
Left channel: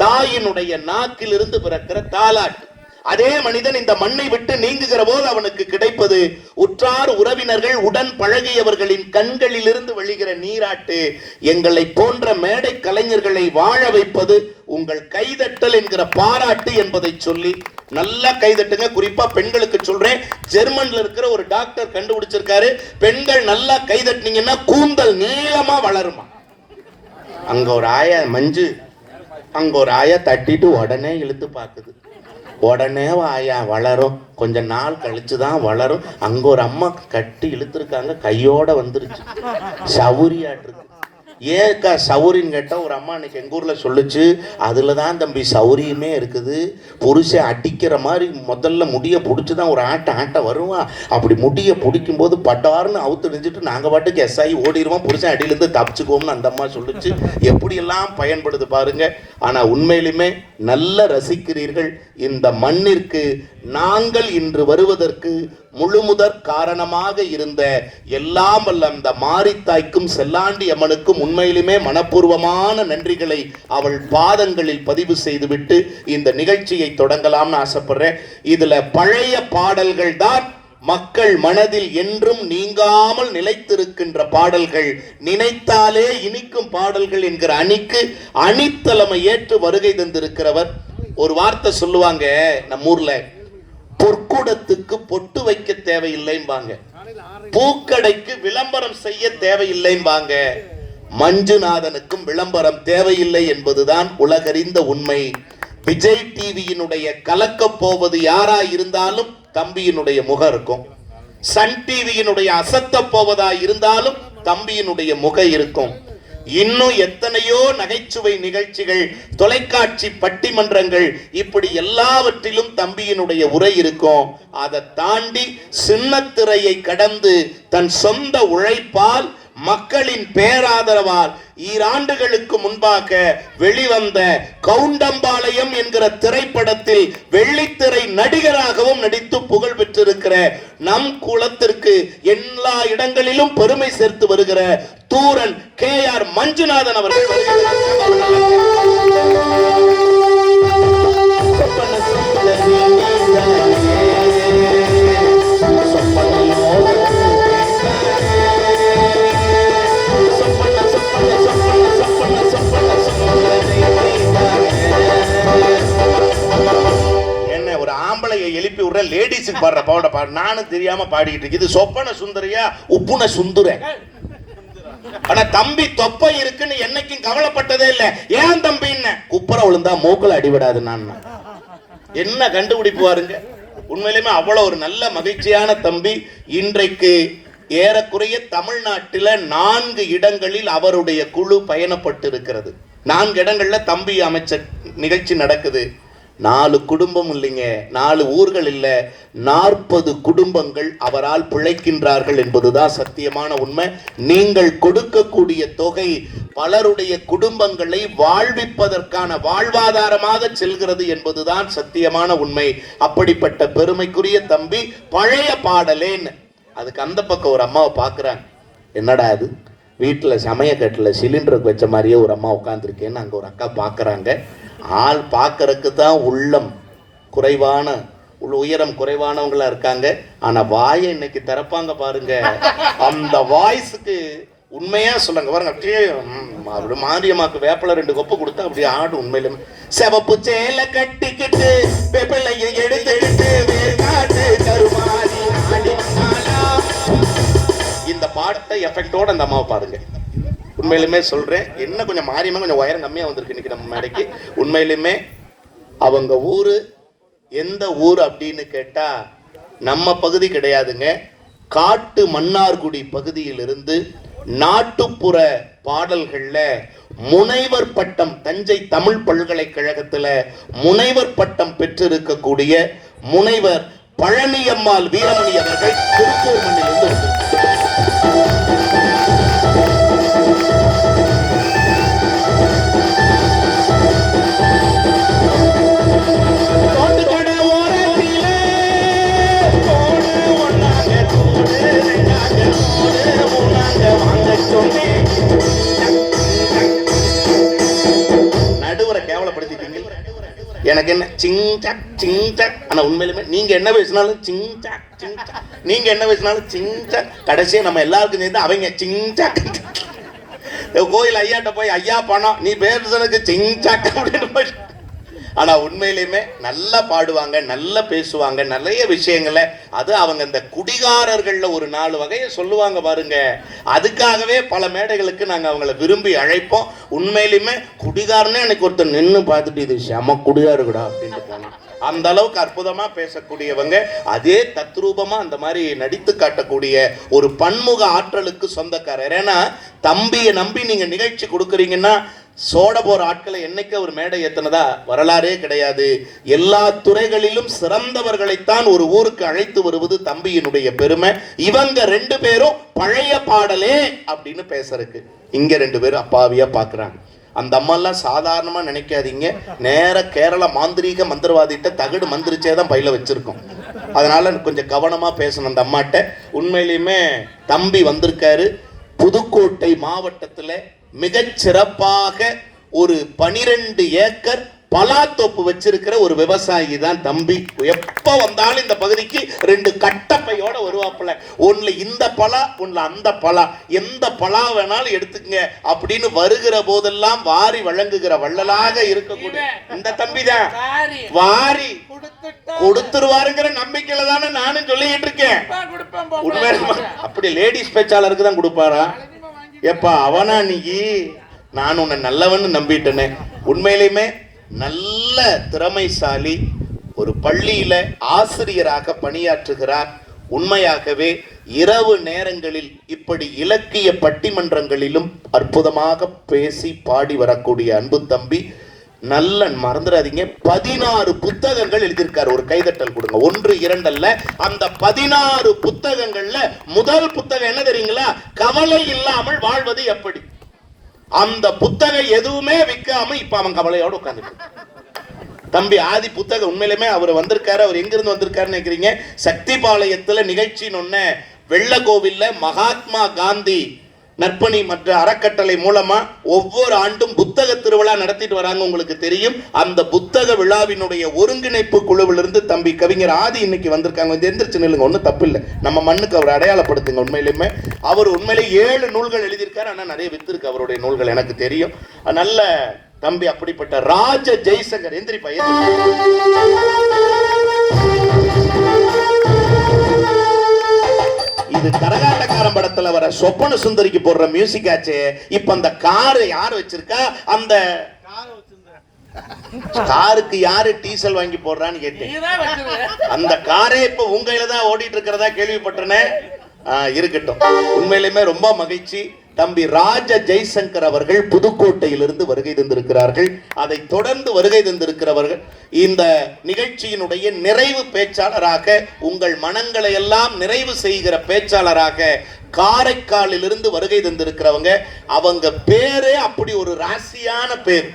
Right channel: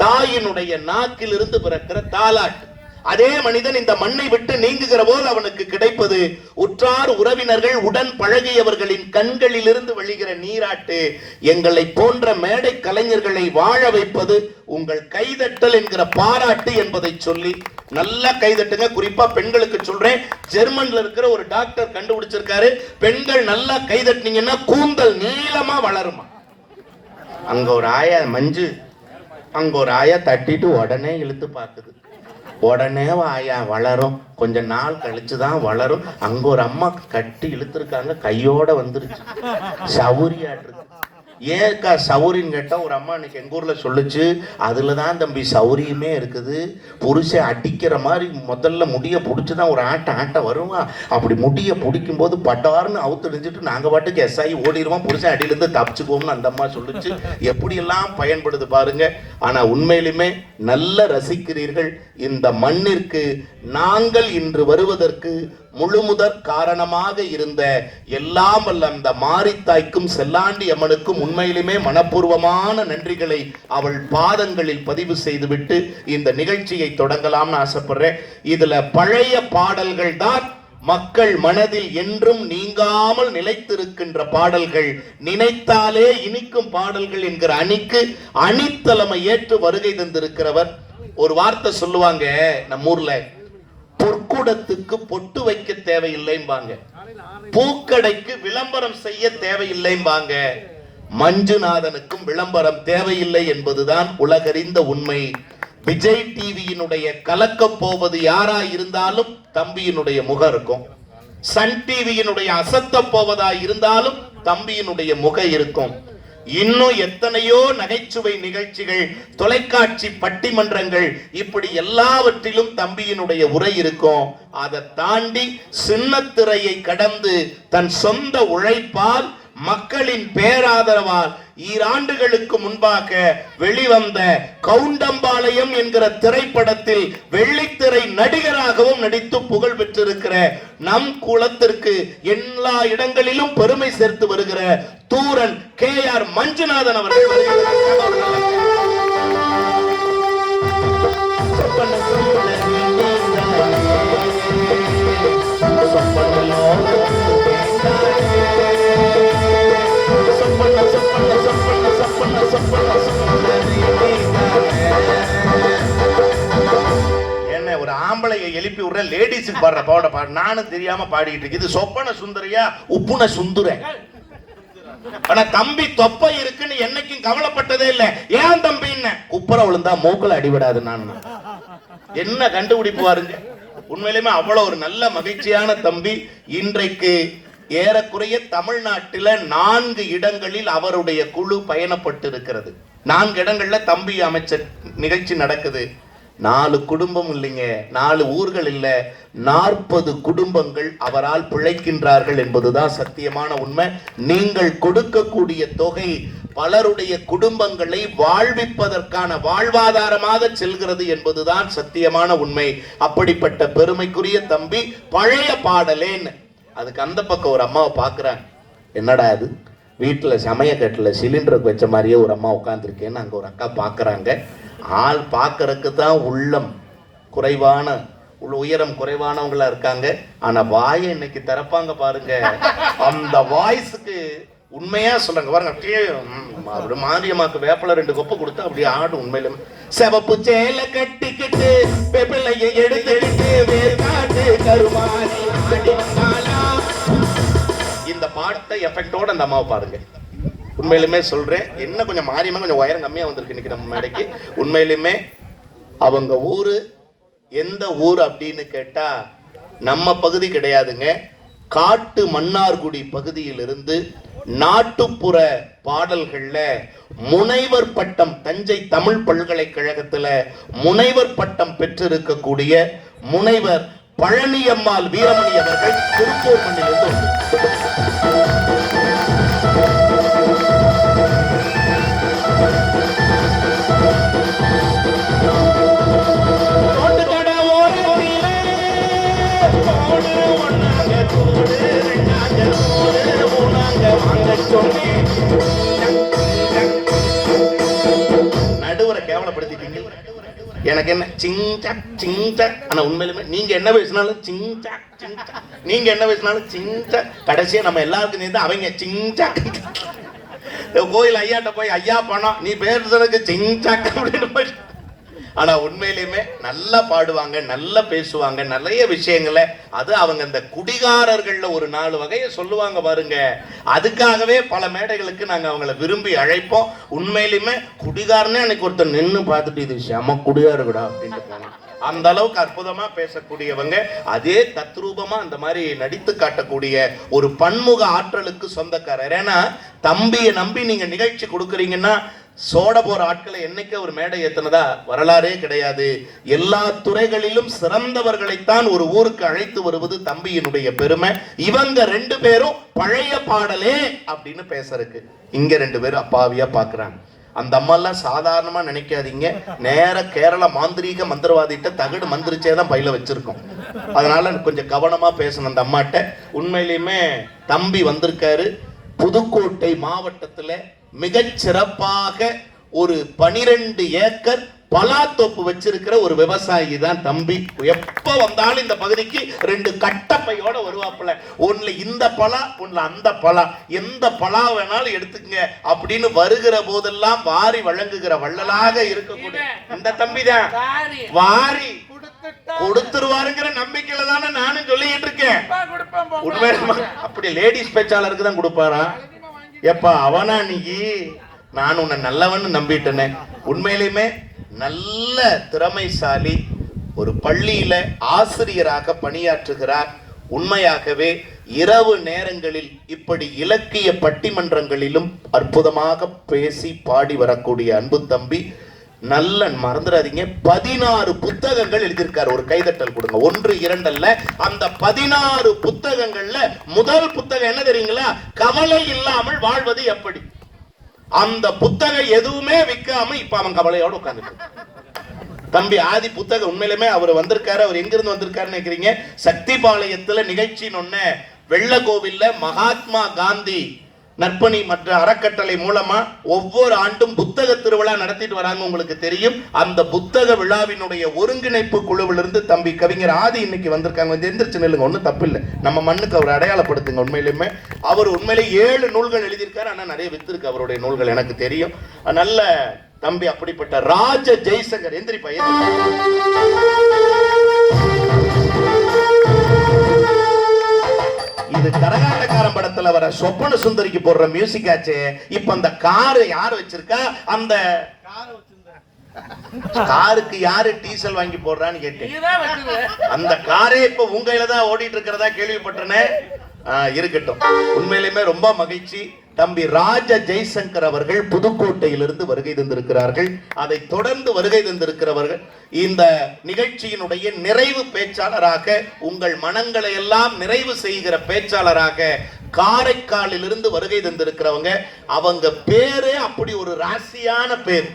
தாயினுடைய நாக்கிலிருந்து பிறக்கிற தாலாட்டு. அதே மனிதன் இந்த மண்ணை விட்டு நீங்குகிற போது அவனுக்கு கிடைப்பது உற்றார் உறவினர்கள் உடன் பழகியவர்களின் கண்களில் இருந்து வழிகிற நீராட்டு. எங்களை போன்ற மேடை கலைஞர்களை வாழ வைப்பது உங்கள் கைதட்டல் என்கிற பாராட்டு என்பதை சொல்லி நல்லா கைதட்டுங்க. குறிப்பா பெண்களுக்கு சொல்றேன். ஜெர்மன்ல இருக்கிற ஒரு டாக்டர் கண்டுபிடிச்சிருக்காரு, பெண்கள் நல்லா கைதட்டினீங்கன்னா கூந்தல் நீளமா வளருமா. அங்க ஒரு ஆயா மஞ்சு, அங்க ஒரு ஆயா தட்டிட்டு உடனே இழுத்து பாக்குது. உடனே ஆயா வளரும், கொஞ்ச நாள் கழிச்சுதான் வளரும். அங்க ஒரு அம்மா கட்டி இழுத்துருக்காங்க, கையோட வந்துருச்சு, சௌரியாட்டு. ஏக்கா சௌரின்னு கேட்டா ஒரு அம்மா இன்னைக்கு எங்க ஊர்ல சொல்லுச்சு, அதுலதான் தம்பி சௌரியமே இருக்குது. புருஷன் அடிக்கிற மாதிரி முதல்ல முடிய பிடிச்சுதான் ஒரு ஆட்ட வருவான். அப்படி முடிய பிடிக்கும் போது பட்டாருன்னு அவுத்து நினைச்சிட்டு நாங்க பாட்டுக்கு எஸ்ஆகி ஓடிடுவோம், புருஷன் அடியிலிருந்து தப்பிச்சுக்கோம்னு அந்த அம்மா சொல்லுச்சு. எப்படியெல்லாம் பயன்படுது பாருங்க. ஆனா உண்மையிலுமே நல்ல ரசிக்கிறீர்கள். இந்த மண்ணிற்கு நாங்கள் இன்று வருவதற்கு முழுமுதற் காரணமாக இருந்த எல்லாம் வல்ல அந்த மாரித்தாய்க்கும் செல்லாண்டி அம்மனுக்கும் உண்மையிலுமே மனப்பூர்வமான நன்றிகளை அவள் பாதங்களில் பதிவு செய்துவிட்டு இந்த நிகழ்ச்சியை தொடங்கலாம்னு ஆசைப்படுறேன். இதுல பழைய பாடல்கள் தான் மக்கள் மனதில் என்றும் நீங்காமல் நிலைத்திருக்கின்ற பாடல்கள், நினைத்தாலே இனிக்கும் பாடல்கள் என்கிற அணிக்கு அணித்தலைமை ஏற்று வருகை தந்திருக்கிறவர். ஒரு வார்த்தை சொல்லுவாங்க நம்ம ஊர்ல, பொற்குடத்துக்கு பொட்டு வைக்க தேவையில்லைம்பாங்க, பூக்கடைக்கு விளம்பரம் செய்ய தேவையில்லைம்பாங்க. மஞ்சுநாதனுக்கும் விளம்பரம் தேவையில்லை என்பதுதான் உலகறிந்த உண்மை. விஜய் டிவியினுடைய கலக்க போவது யாரா இருந்தாலும் தம்பியினுடைய முகம் இருக்கும். சன் டிவியினுடைய அசத்த போவதா இருந்தாலும் தம்பியினுடைய முகம் இருக்கும். இன்னும் எத்தனையோ நகைச்சுவை நிகழ்ச்சிகள், தொலைக்காட்சி பட்டிமன்றங்கள், இப்படி எல்லாவற்றிலும் தம்பியினுடைய உரை இருக்கும். அதை தாண்டி சின்னத்திரையை கடந்து தன் சொந்த உழைப்பால் மக்களின் பேராதரவால் ஈராண்டுகளுக்கு முன்பாக வெளிவந்த கவுண்டம்பாளையம் என்கிற திரைப்படத்தில் வெள்ளித்திரை நடிகராகவும் நடித்து புகழ் பெற்றிருக்கிற நம் குலத்திற்கு எல்லா இடங்களிலும் பெருமை சேர்த்து வருகிற தூரன் KR மஞ்சுநாதன் அவர்கள் எழுப்பி விடுற லேடிஸுக்கு பாடுற பாட பாடு நானும் தெரியாம பாடிக்கிட்டு இருக்கு. இது சொப்பன சுந்தரியா உப்புன சுந்துர. ஆனா தம்பி தொப்பை இருக்குன்னு என்னைக்கும் கவலைப்பட்டதே இல்ல. ஏன் தம்பி குப்புற விழுந்தா மூக்குல அடிவிடாது. நான் என்ன கண்டுபிடிப்பு பாருங்க. உண்மையிலுமே அவ்வளவு ஒரு நல்ல மகிழ்ச்சியான தம்பி. இன்றைக்கு ஏறக்குறைய தமிழ்நாட்டில் 4 இடங்களில் அவருடைய குழு பயணப்பட்டு இருக்கிறது. 4 இடங்கள்ல தம்பி அமைச்சர் நிகழ்ச்சி நடக்குது. 4 குடும்பம் இல்லைங்க, 4 ஊர்கள் இல்ல, 40 குடும்பங்கள் அவரால் பிழைக்கின்றார்கள் என்பதுதான் சத்தியமான உண்மை. நீங்கள் கொடுக்கக்கூடிய தொகை பலருடைய குடும்பங்களை வாழ்விப்பதற்கான வாழ்வாதாரமாக செல்கிறது என்பதுதான் சத்தியமான உண்மை. அப்படிப்பட்ட பெருமைக்குரிய தம்பி பழைய பாடலேன்னு. அதுக்கு அந்த பக்கம் ஒரு அம்மாவை பார்க்குறாங்க. என்னடா அது, வீட்டில் சமயக்கட்டில் சிலிண்டருக்கு வச்ச மாதிரியே ஒரு அம்மா உட்காந்துருக்கேன்னு அங்கே ஒரு அக்கா பார்க்குறாங்க. ஆள் பார்க்கறதுக்கு தான் உள்ளம் குறைவான உயரம் குறைவானவங்களா இருக்காங்க. ஆனால் வாயை இன்னைக்கு திறப்பாங்க பாருங்க. அந்த வாய்ஸுக்கு உண்மையா சொல்லுங்க பாருங்க. அப்படி மாரியம்மாக்கு வேப்பல 2 கொப்பு கொடுத்தா அப்படியே ஆடு. உண்மையிலும் செவப்பு சேலை கட்டிக்கிட்டு வெப்பலையை எடுத்துக்கிட்டு இந்த பாட்டை எஃபெக்டோட அந்த அம்மாவை பாருங்க. உண்மையிலுமே சொல்றேன், என்ன கொஞ்சம் மாரியமா கொஞ்சம் உயரம் கம்மியா வந்திருக்கு இன்னைக்கு நம்ம மேடைக்கு. உண்மையிலுமே அவங்க ஊரு எந்த ஊர் அப்படின்னு கேட்டா நம்ம பகுதி கிடையாதுங்க. காட்டு மன்னார்குடி பகுதியிலிருந்து நாட்டுப்புற பாடல்கள்ல முனைவர் பட்டம், தஞ்சை தமிழ் பல்கலைக்கழகத்துல முனைவர் பட்டம் பெற்றிருக்கக்கூடிய முனைவர் பழனியம்மாள் வீரமணி அவர்கள் திருப்பூர் மண்ணிலிருந்து நடுவரை கேவலப்படுத்திட்டீங்க. எனக்கு என்ன சிங்சாக் சிங்சாக். ஆனா உண்மையிலுமே நீங்க என்ன பேசினாலும் சிங்சாக் சிங்சாக், நீங்க என்ன பேசினாலும் சிங்சாக். கடைசியா நம்ம எல்லாருக்கும் சேர்ந்து அவங்க சிங்சாக். கோயில் ஐயாட்ட போய் ஐயா பணம் நீ பேசுறதுக்கு சிங்சாக் அப்படின்னு. ஆனா உண்மையிலுமே நல்லா பாடுவாங்க, நல்லா பேசுவாங்க, நிறைய விஷயங்களை. அது அவங்க இந்த குடிகாரர்கள்ல ஒரு 4 வகையை சொல்லுவாங்க பாருங்க. அதுக்காகவே பல மேடைகளுக்கு நாங்க அவங்கள விரும்பி அழைப்போம். உண்மையிலுமே குடிகாரனே எனக்கு ஒருத்தர் நின்று பார்த்துட்டு இது செம குடிகாருடா அப்படின்ட்டு போனோம். அந்த அளவுக்கு அற்புதமா பேசக்கூடியவங்க. அதே தத்ரூபமா அந்த மாதிரி நடித்து காட்டக்கூடிய ஒரு பன்முக ஆற்றலுக்கு சொந்தக்காரர். ஏன்னா தம்பியை நம்பி நீங்க நிகழ்ச்சி கொடுக்குறீங்கன்னா சோட போற ஆட்களை என்னைக்கு ஒரு மேடை ஏத்தினதா வரலாறே கிடையாது. எல்லா துறைகளிலும் சிறந்தவர்களைத்தான் ஒரு ஊருக்கு அழைத்து வருவது தம்பியினுடைய பெருமை. இவங்க 2 பேரும் பழைய பாடலே அப்படின்னு பேசறதுக்கு இங்க 2 பேரும் அப்பாவியா பாக்குறாங்க. அந்த அம்மாலாம் சாதாரணமா நினைக்காதீங்க. நேர கேரள மாந்திரீக மந்திரவாதிட்ட தகடு மந்திரிச்சேதான் பையில வச்சிருக்கோம். அதனால கொஞ்சம் கவனமா பேசணும் அந்த அம்மாட்ட. உண்மையிலுமே தம்பி வந்திருக்காரு. புதுக்கோட்டை மாவட்டத்துல மிகச் சிறப்பாக ஒரு 12 ஏக்கர் பலாத்தோப்பு வச்சிருக்கிற ஒரு விவசாயி தான் தம்பி. எப்ப வந்தாலும் இந்த பகுதிக்கு 2 கட்டப்பையோட வருவாப்புல. ஒண்ணுல இந்த பலா, ஒண்ணுல அந்த பலா, எந்த பலா வேணாலும் எடுத்துக்கங்க அப்படின்னு வருகிற போதெல்லாம் வாரி வழங்குகிற வள்ளலாக இருக்கக்கூடிய இந்த தம்பி தான் வாரி கொடுத்துருவாருங்கிற நம்பிக்கையில தானே நானும் சொல்லிட்டு இருக்கேன். உண்மையில அப்படி லேடிஸ் பேச்சாளருக்கு தான் கொடுப்பாரா? எப்பா அவனா நீ? நான் உன்னை நல்லவன்னு நம்பிட்டேனே. உண்மையிலுமே நல்ல திறமைசாலி, ஒரு பள்ளியில ஆசிரியராக பணியாற்றுகிறார். உண்மையாகவே இரவு நேரங்களில் இப்படி இலக்கிய பட்டிமன்றங்களிலும் அற்புதமாக பேசி பாடி வரக்கூடிய அன்பு தம்பி. நல்ல மறந்துடாதீங்க, 16 புத்தகங்கள் எழுதியிருக்காரு. ஒரு கைதட்டல் கொடுங்க. 1 2 அல்ல, அந்த 16 புத்தகங்கள்ல முதல் புத்தகம் என்ன தெரியுங்களா? கவலை இல்லாமல் வாழ்வது எப்படி. அந்த புத்தகம் எதுவுமே விற்காம இப்ப அவன் கவலையோட உட்கார்ந்து தம்பி ஆதி புத்தகம். உண்மையிலுமே அவர் வந்திருக்காரு. அவர் எங்கிருந்து வந்திருக்காருன்னு நினைக்கிறீங்க? சக்திபாளையத்துல நிகழ்ச்சின்னு ஒண்ணு வெள்ளக்கோவில்ல மகாத்மா காந்தி நற்பணி மற்ற அறக்கட்டளை மூலமா ஒவ்வொரு ஆண்டும் புத்தக திருவிழா நடத்திட்டு வராங்க. உங்களுக்கு தெரியும். அந்த புத்தக விழாவினுடைய ஒருங்கிணைப்பு குழுவிலிருந்து தம்பி கவிஞர் ஆதி இன்னைக்கு வந்திருக்காங்க. வந்து எந்திரிச்சு நில்லுங்க, ஒன்றும் தப்பு இல்லை. நம்ம மண்ணுக்கு அவர் அடையாளப்படுத்துங்க. உண்மையிலுமே அவர் உண்மையிலே 7 நூல்கள் எழுதியிருக்காரு. ஆனா நிறைய வித்திருக்கு அவருடைய நூல்கள், எனக்கு தெரியும். நல்ல தம்பி. அப்படிப்பட்ட ராஜ ஜெய்சங்கர் எந்திரி பையன். இது கரகாட்டக்காரன் படத்துல வர சொப்பன சுந்தரிக்கு போடுற மியூசிக் ஆச்சு. இப்ப அந்த காரு யாரு வச்சிருக்கா? அந்த காருக்கு யாரு டீசல் வாங்கி போடுறான்னு கேட்டேன். அந்த காரே இப்ப உங்க கையில தான் ஓடிட்டு இருக்கிறதா கேள்விப்பட்டனே. இருக்கட்டும். உண்மையிலுமே ரொம்ப மகிழ்ச்சி. தம்பி ராஜ ஜெய்சங்கர் அவர்கள் புதுக்கோட்டையிலிருந்து வருகை தந்திருக்கிறார்கள். அதை தொடர்ந்து வருகை தந்திருக்கிறவர்கள் இந்த நிகழ்ச்சியினுடைய நிறைவு பேச்சாளராக, உங்கள் மனங்களை எல்லாம் நிறைவு செய்கிற பேச்சாளராக காரைக்காலிலிருந்து வருகை தந்திருக்கிறவங்க. அவங்க பேரே அப்படி ஒரு ராசியான பேர்.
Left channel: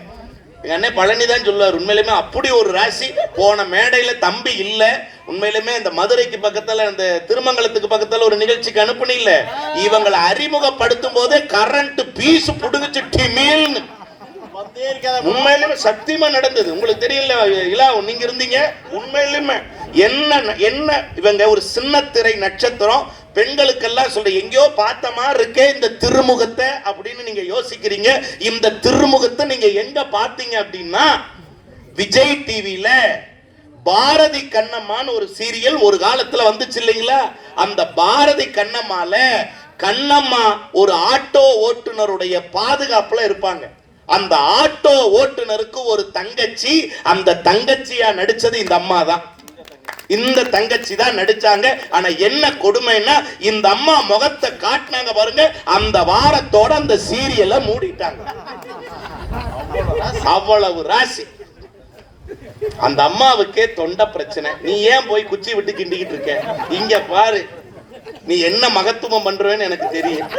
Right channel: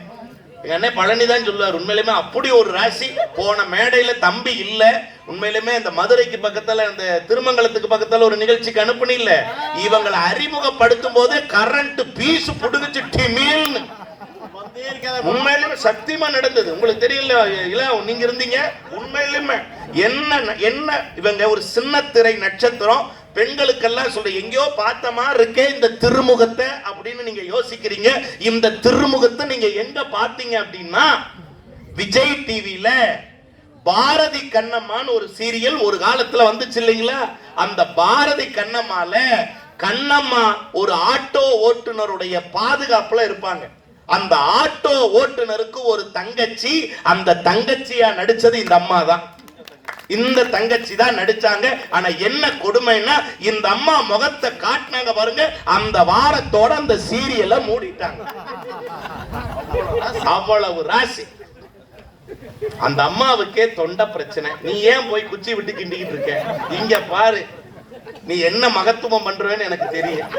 எங்க அண்ணன் பழனி தான் சொல்லுவார், உண்மையிலுமே அப்படி ஒரு ராசி. போன மேடையில தம்பி இல்ல, உண்மையிலுமே இந்த மதுரைக்கு பக்கத்துல இந்த திருமங்கலத்துக்கு பக்கத்துல ஒரு நிகழ்ச்சிக்கு அனுப்புனி இல்ல, இவங்களை அறிமுகப்படுத்தும் போதே கரண்ட் பீஸ் புடுங்கிச்சு டிமில்னு. உண்மையிலுமே சத்தியமா நடந்தது. உங்களுக்கு தெரியல இல்ல, நீங்க இருந்தீங்க. உண்மையிலுமே என்ன என்ன இவங்க ஒரு சின்ன திரை நட்சத்திரம். பெண்களுக்கெல்லாம் சொல்ற எங்கேயோ பார்த்த மாதிரி இருக்கே இந்த திருமுகத்தை அப்படின்னு நீங்க யோசிக்கிறீங்க. இந்த திருமுகத்தை நீங்க எங்க பார்த்தீங்க அப்படின்னா, விஜய் டிவில பாரதி கண்ணம்மான்னு ஒரு சீரியல் ஒரு காலத்துல வந்துச்சு இல்லைங்களா? அந்த பாரதி கண்ணம்மால கண்ணம்மா ஒரு ஆட்டோ ஓட்டுநருடைய பாதுகாப்புல இருப்பாங்க. அந்த ஆட்டோ ஓட்டுநருக்கு ஒரு தங்கச்சி, அந்த தங்கச்சியா நடிச்சது இந்த அம்மா தான். இந்த தங்கச்சி தான் நடிச்சாங்க. ஆனா என்ன கொடுமைன்னா, இந்த அம்மா முகத்தை காட்டினாங்க பாருங்க, அந்த வாரத்தோட அந்த சீரியலை மூடிட்டாங்க. அவ்வளவு ராசி. அந்த அம்மாவுக்கே தொண்டை பிரச்சனை. நீ ஏன் போய் குச்சி விட்டு கிண்டிக்கிட்டு இருக்க? இங்க பாரு, நீ என்ன மகத்துவம் பண்றேன்னு எனக்கு தெரியும்.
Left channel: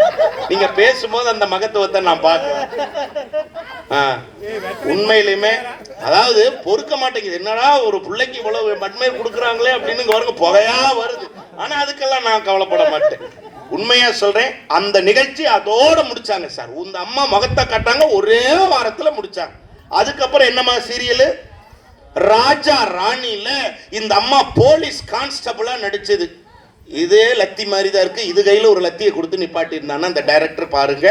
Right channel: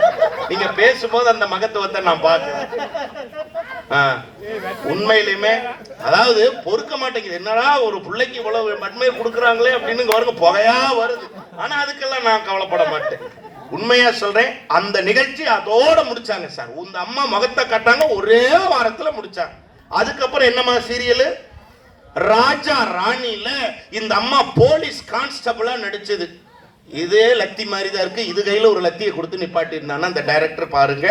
நீங்க பேசும்போது அந்த மகத்துவத்தை நான் பார்க்கிறேன். உண்மையிலுமே அதாவது பொறுக்க மாட்டேங்குது. என்னடா ஒரு பிள்ளைக்கு இவ்வளவு மண்மை கொடுக்குறாங்களே அப்படின்னு வருங்க, புகையா வருது. ஆனா அதுக்கெல்லாம் நான் கவலைப்பட மாட்டேன். உண்மையா சொல்றேன். அந்த நிகழ்ச்சி அதோட முடிச்சாங்க சார். இந்த அம்மா முகத்தை காட்டாங்க, ஒரே வாரத்துல முடிச்சாங்க. அதுக்கப்புறம் என்னமா சீரியல் ராஜா ராணில இந்த அம்மா போலீஸ் கான்ஸ்டபிளா நடிச்சது. இதே லத்தி மாதிரி தான் இருக்கு. இது கையில ஒரு லத்தியை கொடுத்து நிப்பாட்டி இருந்தான்னா அந்த டைரக்டர் பாருங்க,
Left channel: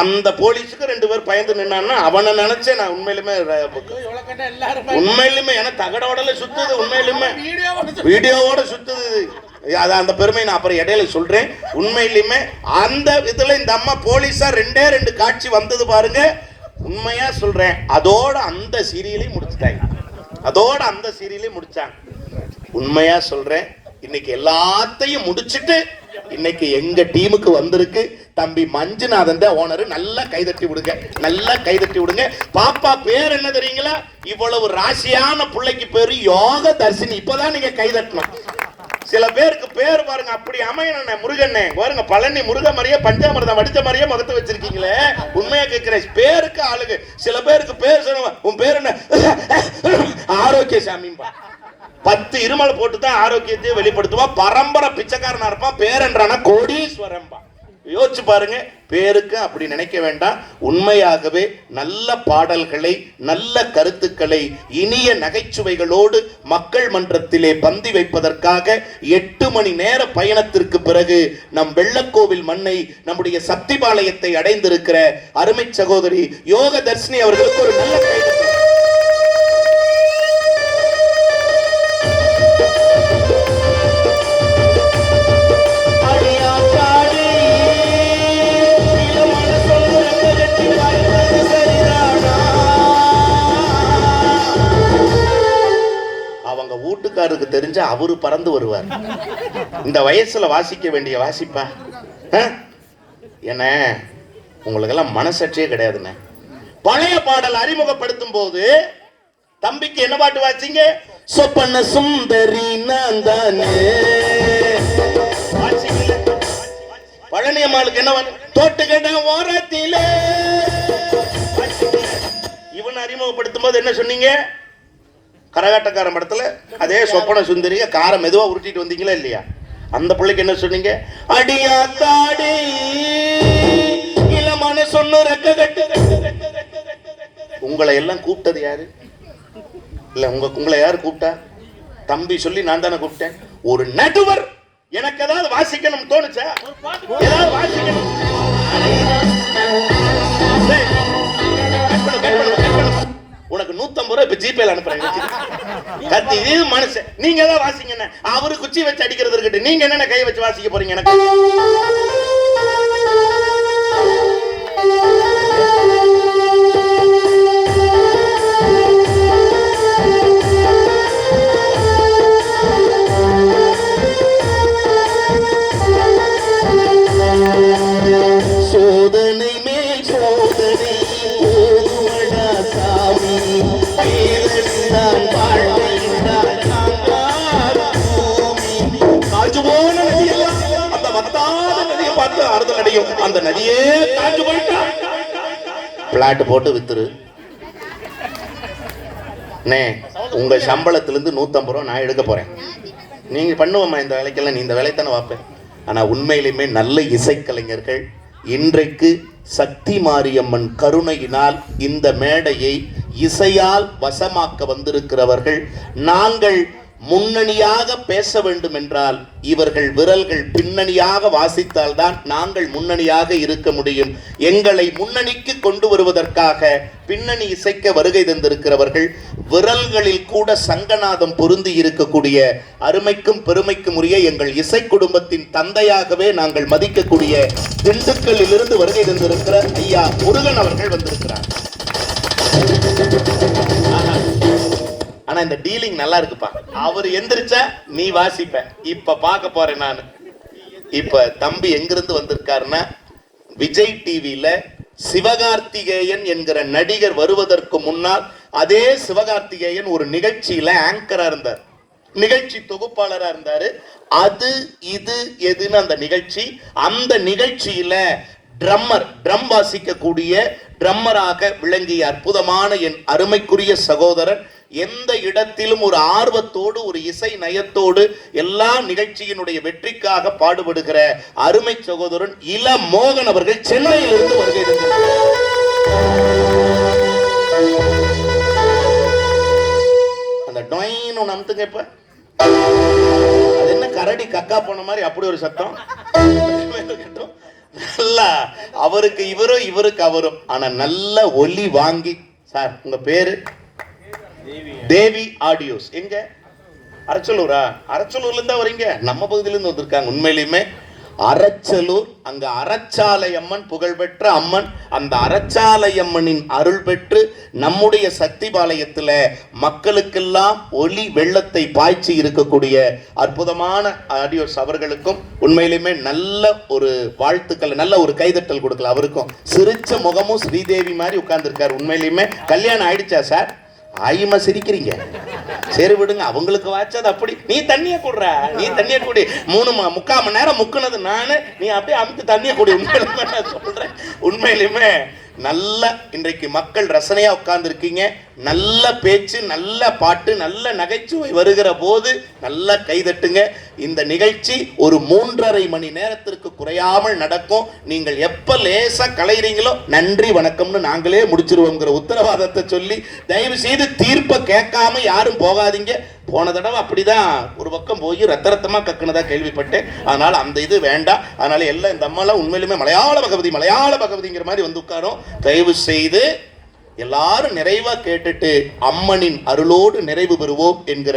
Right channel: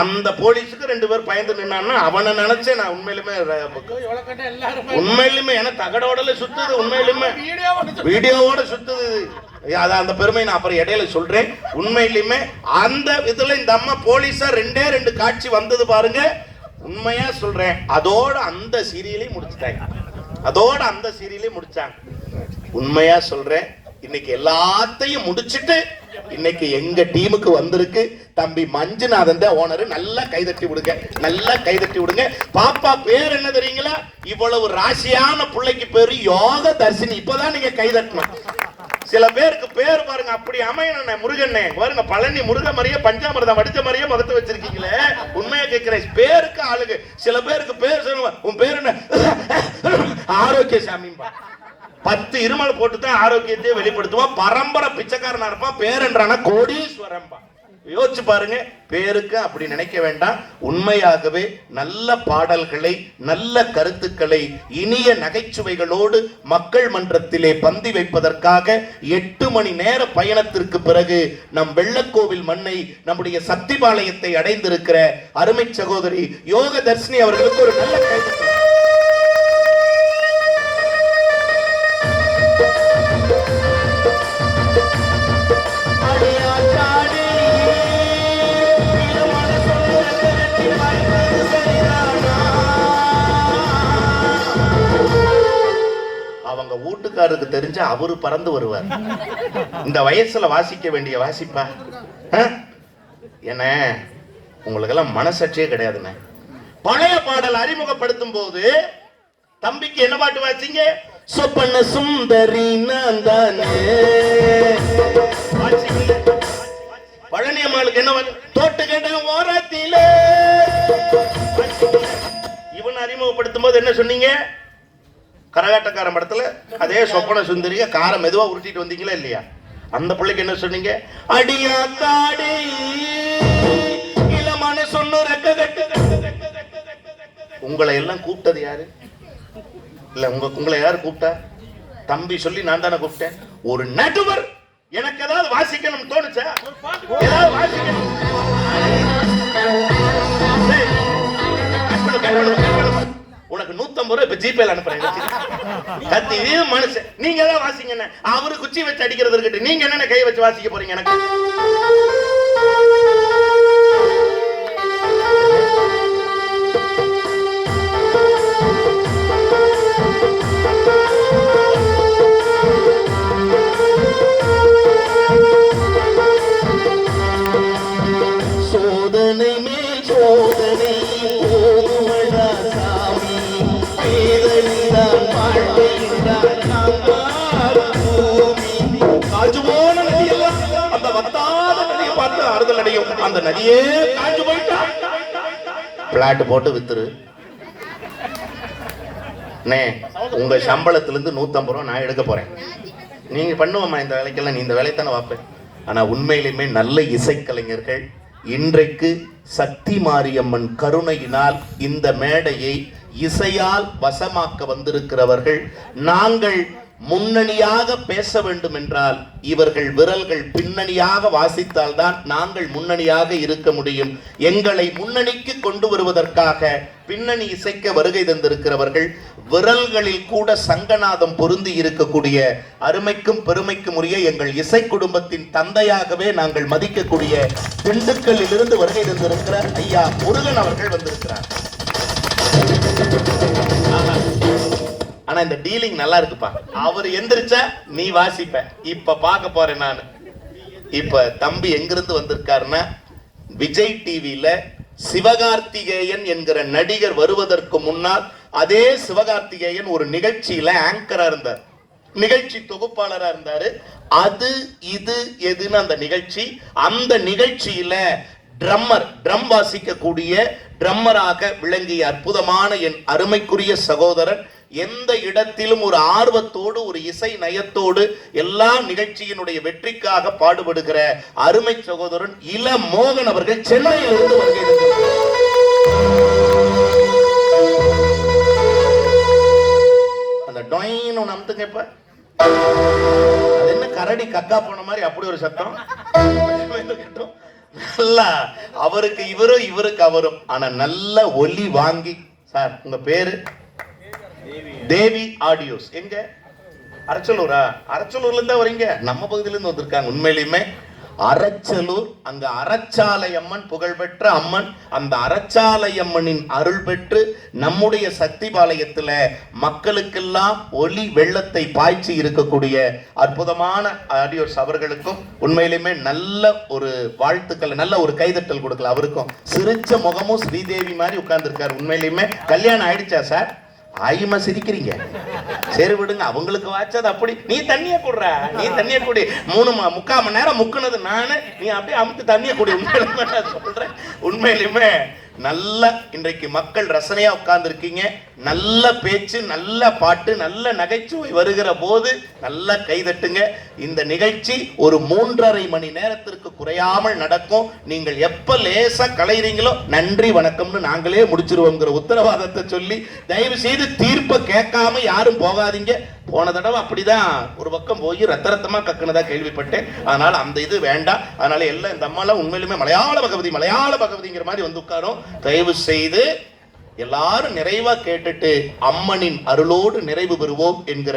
அந்த போலீஸுக்கு 2 பேர் பயந்து நின்னான்னா அவனை நினைச்சேன் நான். உண்மையிலுமே என தகடோடல சுத்துது, உண்மையிலுமே வீடியோவோட சுத்துது. அந்த பெருமை நான் அப்புறம் இடையில சொல்றேன். உண்மையிலுமே அந்த இதுல இந்த அம்மா போலீஸா 2 காட்சி வந்தது பாருங்க. உண்மையா சொல்றேன். அதோட அந்த சீரியலையும் முடிச்சுட்டாங்க. அதோட அந்த சீரியலையும் முடிச்சாங்க. உண்மையா சொல்றேன். இன்னைக்கு எல்லாத்தையும் முடிச்சிட்டு இன்னைக்கு எங்க டீமுக்கு வந்திருக்கு தம்பி மஞ்சுநாதன் தான் ஓனர். நல்லா கைதட்டி விடுங்க, நல்லா கைதட்டி விடுங்க. பாப்பா பேர் என்ன தெரியுங்களா? இவ்வளவு ராசியான பிள்ளைக்கு பேரு யோக தர்ஷினி. இப்பதான் நீங்க கைதட்டணும். சில பேருக்கு பேர் பாருங்க அப்படி அமையணும். முருகண்ணே பாருங்க, பழனி முருக மாதிரியே பஞ்சாமிரதம் வடிச்ச மாதிரியே முகத்தை வச்சிருக்கீங்களே. உண்மையா கேட்கிறேன். பேருக்கு ஆளுங்க. சில பேருக்கு பேர் சொல்லுவாங்க, உன் பேர் என்ன? ஆரோக்கிய சாமிம்பா. 10 இருமல் போட்டு தான் ஆரோக்கியத்தையே வெளிப்படுத்துவான். பரம்பரை பிச்சைக்காரனா இருப்பான். பேரன்றான கோடீஸ்வரன்பா. யோசிச்சு பாருங்க. பேருக்கு அப்படி நினைக்க வேண்டாம். உண்மையாகவே நல்ல பாடல்களை, நல்ல கருத்துக்களை, இனிய நகைச்சுவைகளோடு மக்கள் மன்றத்திலே பந்தி வைப்பதற்காக 8 மணி நேர பயணத்திற்கு பிறகு நம் வெள்ளக்கோவில் மண்ணை, நம்முடைய சக்திபாளையத்தை அடைந்திருக்கிற அருமை சகோதரி யோக தர்ஷினி அவர்களுக்கு ஒரு நல்ல கைது. வீட்டுக்காரருக்கு தெரிஞ்ச அவரு பறந்து வருவார். இந்த வயசுல வாசிக்க வேண்டிய வாசிப்பா என்ன? உங்களுக்கெல்லாம் மனசாட்சியே கிடையாதுண்ணே. பழைய பாடல் அறிமுகப்படுத்தும் போது தம்பிக்கு என்ன பாட்டு வாசிங்க? சொப்பன சுந்தரி நான் தானே. பழனி அம்மாளுக்கு என்ன தோட்டுக்கட ஓரத்திலே. இவன் அறிமுகப்படுத்தும் போது என்ன சொன்னீங்க? கரகாட்டக்காரன் படத்துல அதே சொப்பன சுந்தரிய காரை மெதுவா உருட்டிட்டு வந்தீங்களா இல்லையா? அந்த பிள்ளைக்கு என்ன சொன்னீங்க? அடியா தாடி இளமான சொன்ன ரெக்க கட்டு. உங்களை எல்லாம் கூப்பிட்டது யாரு? இல்ல உங்களை யாரு கூப்பிட்டா? தம்பி சொல்லி நான் தானே கூப்பிட்டேன். ஒரு நடுவர் எனக்கு ஏதாவது வாசிக்கணும் தோணுச்சா? ஏதாவது வாசிக்கணும். உனக்கு 150 ரூபாய் இப்ப ஜிபேல அனுப்புறேன். கத்தி இது மனுஷன். நீங்க ஏதாவது வாசிங்க. அவரு குச்சி வச்சு அடிக்கிறது இருக்கட்டும். நீங்க என்ன கை வச்சு வாசிக்க போறீங்க? எனக்கு ஆறுதல் அடையும். அந்த நதியே காஞ்சு போயிட்டா பிளாட் போட்டு வித்துரு. உங்க சம்பளத்திலிருந்து 150 ரூபா நான் எடுக்க போறேன். நீங்க பண்ணுவோமா இந்த வேலைக்கெல்லாம்? நீ இந்த வேலையை தானே பார்ப்பேன். ஆனா உண்மையிலுமே நல்ல இசைக்கலைஞர்கள் இன்றைக்கு சக்தி மாரியம்மன் கருணையினால் இந்த மேடையை இசையால் வசமாக்க வந்திருக்கிறவர்கள். நாங்கள் முன்னணியாக பேச வேண்டும் என்றால் இவர்கள் விரல்கள் பின்னணியாக வாசித்தால்தான் நாங்கள் முன்னணியாக இருக்க முடியும். எங்களை முன்னணிக்கு கொண்டு வருவதற்காக பின்னணி இசைக்க வருகை தந்திருக்கிறவர்கள். விரல்களில் கூட சங்கநாதம் பொருந்தி இருக்கக்கூடிய அருமைக்கும் பெருமைக்கும் உரிய எங்கள் இசை குடும்பத்தின் தந்தையாகவே நாங்கள் மதிக்கக்கூடிய திண்டுக்கல்லில் இருந்து வருகை தந்திருக்கிற ஐயா முருகன் அவர்கள் வந்திருக்கிறார். ஆனா இந்த டீலிங் நல்லா இருக்குப்பா. அவர் எந்திரிச்சா நீ வாசிப்ப. இப்ப பார்க்க போறேன் நான். இப்ப தம்பி எங்கிருந்து வந்திருக்காருன்னா, விஜய் டிவில சிவகார்த்திகேயன் என்கிற நடிகர் வருவதற்கு முன்னால் அதே சிவகார்த்திகேயன் ஒரு நிகழ்ச்சியில ஆங்கரா இருந்தார், நிகழ்ச்சி தொகுப்பாளரா இருந்தாரு. அது இது எதுன்னு அந்த நிகழ்ச்சி. அந்த நிகழ்ச்சியில ட்ரம் வாசிக்கக்கூடிய ட்ரம்மராக விளங்கிய அற்புதமான என் அருமைக்குரிய சகோதரர், எந்த இடத்திலும் ஒரு ஆர்வத்தோடு ஒரு இசை நயத்தோடு எல்லா நிகழ்ச்சியினுடைய வெற்றிக்காக பாடுபடுகிற அருமை சகோதரன் இள மோகன் அவர்கள் சென்னையில் இருந்து வருகை. அந்த டொயின் ஒன்று அமுத்துங்க. இப்ப அது என்ன கரடி கக்கா போன மாதிரி அப்படி ஒரு சத்தம். நல்லா அவருக்கு இவரும் இவருக்கு அவரும். ஆனா நல்ல ஒலி வாங்கி. சார் உங்க பேரு? தேவி ஆடியோஸ். எங்க? அரச்சலூரா? அரச்சலூர்ல இருந்தா வரீங்க? நம்ம பகுதியில இருந்து வந்திருக்காங்க. உண்மையிலுமே அரச்சலூர், அங்க அரச்சாலை அம்மன் புகழ்பெற்ற அம்மன். அந்த அரச்சாலை அம்மனின் அருள் பெற்று நம்முடைய சக்தி பாளையத்துல மக்களுக்கெல்லாம் ஒளி வெள்ளத்தை பாய்ச்சி இருக்கக்கூடிய அற்புதமான ஆடியோஸ் அவர்களுக்கும் உண்மையிலுமே நல்ல ஒரு வாழ்த்துக்கள், நல்ல ஒரு கைதட்டல் கொடுக்கல. அவருக்கும் சிரிச்ச முகமும் ஸ்ரீதேவி மாதிரி உட்கார்ந்துருக்காரு. உண்மையிலுமே கல்யாணம் ஆயிடுச்சா சார்? ஆயுமா சிரிக்கிறீங்க? சரி விடுங்க, அவங்களுக்கு வாச்சது அப்படி. நீ தண்ணிய குடுற, நீ தண்ணிய குடி. 3.25 மணி நேரம் முக்குனது நானு, நீ அப்படியே அமுத்து தண்ணிய குடி. உண்மையிலுமே நான் சொல்றேன், உண்மையிலுமே நல்ல இன்றைக்கு மக்கள் ரசனையா உட்கார்ந்து இருக்கீங்க. நல்ல பேச்சு, நல்ல பாட்டு, நல்ல நகைச்சுவை வருகிற போது நல்ல கைதட்டுங்க. இந்த நிகழ்ச்சி ஒரு 3.5 மணி நேரத்திற்கு குறையாமல் நடக்கும். நீங்கள் எப்ப லேசா கலைறீங்களோ நன்றி வணக்கம்னு நாங்களே முடிச்சிருவோங்கிற உத்தரவாதத்தை சொல்லி தயவு செய்து தீர்ப்பை கேட்காம யாரும் போகாதீங்க. போன தடவை அப்படிதான் ஒரு பக்கம் போய் ரத்தமா கக்குனதா கேள்விப்பட்டேன். அதனால அந்த இது வேண்டாம். அதனால எல்லாம் இந்த அம்மாலாம் உண்மையிலுமே மலையாள பகவதிங்கிற மாதிரி வந்து உட்காரும். தயவு செய்து எல்லாரும் நிறைவா கேட்டுட்டு அம்மனின் அருளோடு நிறைவு பெறுவோம் என்கிற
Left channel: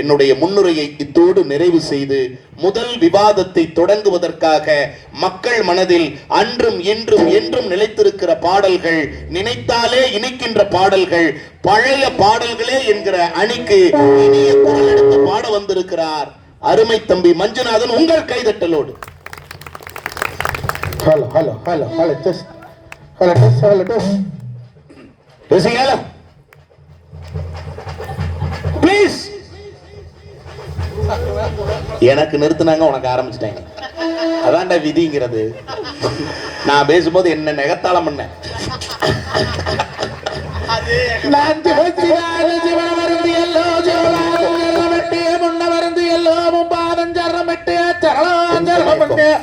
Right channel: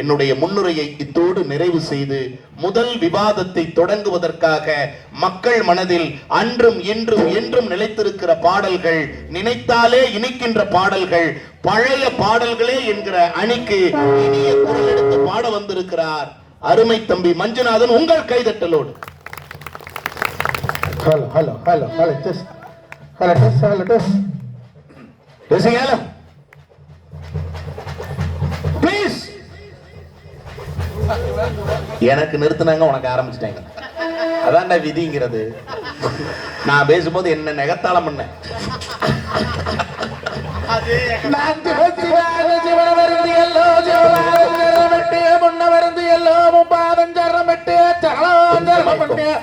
என்னுடைய முன்னுரையை இத்தோடு நிறைவு செய்து முதல் விவாதத்தை தொடங்குவதற்காக மக்கள் மனதில் அன்றும் இன்றும் என்றும் நிலைத்திருக்கிற பாடல்கள், நினைத்தாலே இனிக்கின்ற பாடல்கள், பழைய பாடல்களே என்கிற அணிக்கு இனிய குரல் எடுத்து பாட வந்திருக்கிறார் அருமை தம்பி மஞ்சுநாதன். உங்கள் கைதட்டலோடு. Hello hello hello hello test hello test hello test please. எனக்கு நிறுத்தினாங்க, உனக்கு ஆரம்பிச்சிட்டாங்க. அதான்டா விதிங்கிறது. நான் பேசும்போது என்ன நெகத்தாளம் பண்ண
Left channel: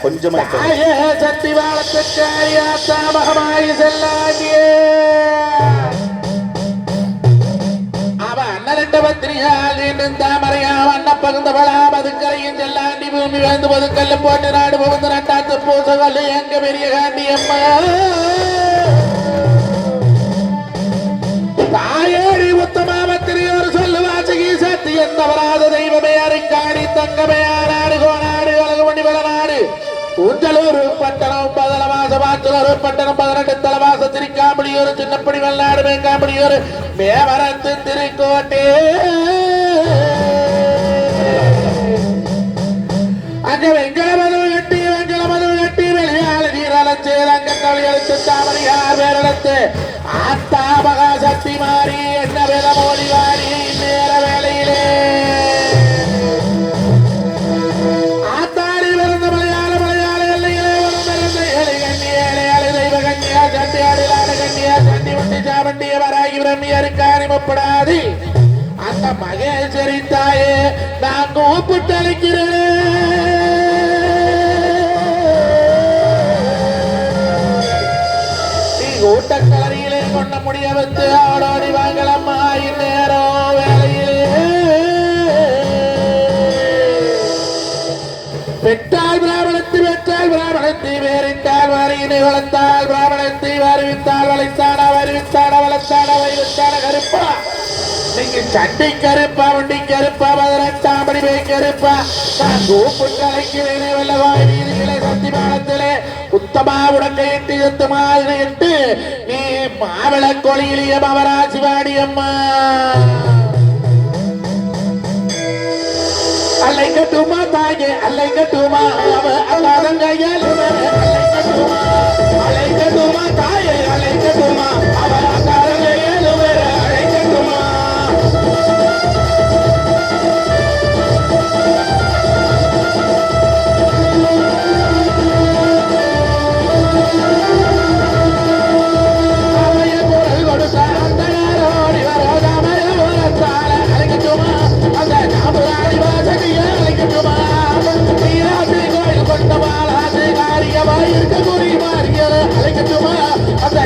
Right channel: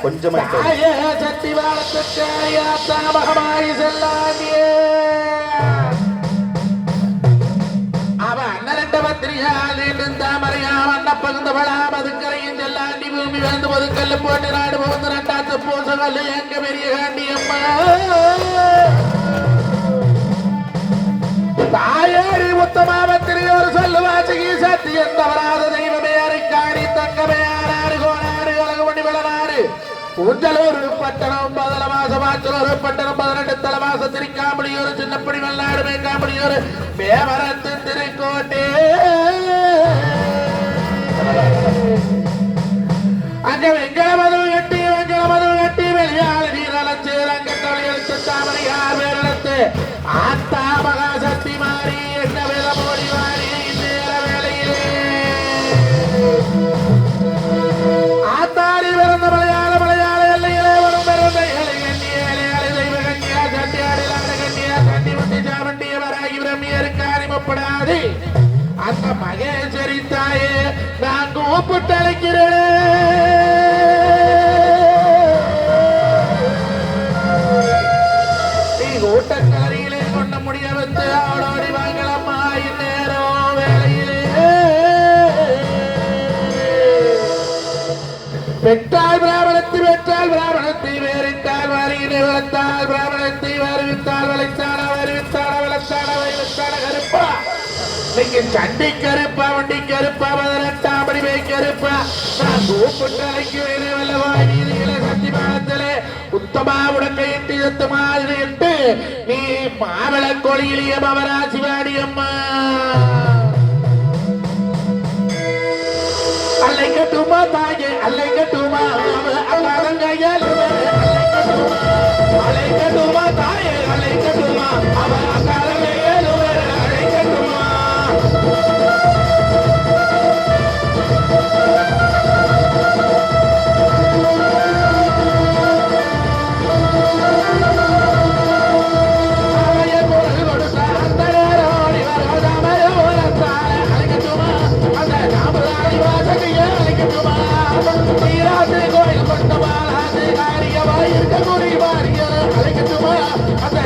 கொஞ்சமா பூமி வந்து பொதுக்கல்ல போட்டு நாடு புகுந்து நட்டாத்து பூசகல் எங்க பெரிய காண்டி அம்மா தாயேடி முத்தமாவத்திரி ஒரு சொல்லு வாசகி சத்தி எந்தவராத தெய்வமே அரைக்காணி தங்கமே ஆனாடு கோனாடு உலகமணி விளநாடு உஞ்சலூர் பட்டணம் 11 மாசம் ஆச்சலூர் பட்டணம் 18 தலவாச திருக்காம்படி ஒரு சின்னப்படி வெள்ளாடு மேங்காம்படி ஒரு மேவரத்து திருக்கோட்டே அங்க வெங்கல மது கட்டி வெளியாள நீரழைச்சு ரங்கத்தவழி எழுத்து தாமரையார் வேறெடுத்து ஆத்தா மகாசக்தி மாறி என்ன வேத மொழி வாரி நேர வேலையிலே ஆத்தாடி பிறந்த மலையாள எல்லையிலே வரும் பிறந்த தங்கம் யாருக்காணி முப்படாது அந்த மகேஸ்வரி தாயே நான் கூப்பிட்டு அழைக்கிறேன். கூட்டக்காரியிலே கொண்ட முடிய வந்து ஆடோடி வாங்கலம்மா இந்நேரம் வேலையிலே பெற்றால் பிராமணத்தை பெற்றால் பிராமணத்தை வேறிட்டால் வாரியினை வளர்த்தால் பிராமணத்தை வருவித்தால் வளைத்தான வருவித்தான வளர்த்தான வைவித்தான கருப்பா நீங்க சண்டை கருப்பா வண்டி கருப்பா பதினெட்டாம்படி வை கருப்பா நான் கூப்பிட்டு அழைக்கிறேனே வல்லவாய் வீதிகளே சத்திமானத்திலே உத்தமா உடக்கையிட்டு எட்டு நீ மாவள கொழியிலிய மவராசிவாடி அம்மா அல்லை கட்டுமா தாயே அல்லை கட்டுமா அல்லாதங்கையால் அல்லை கட்டுமா தாயே அல்லை கட்டுமா அவர் அக்காரங்கையால் அழை கட்டுமா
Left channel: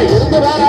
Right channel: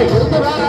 இருந்து வர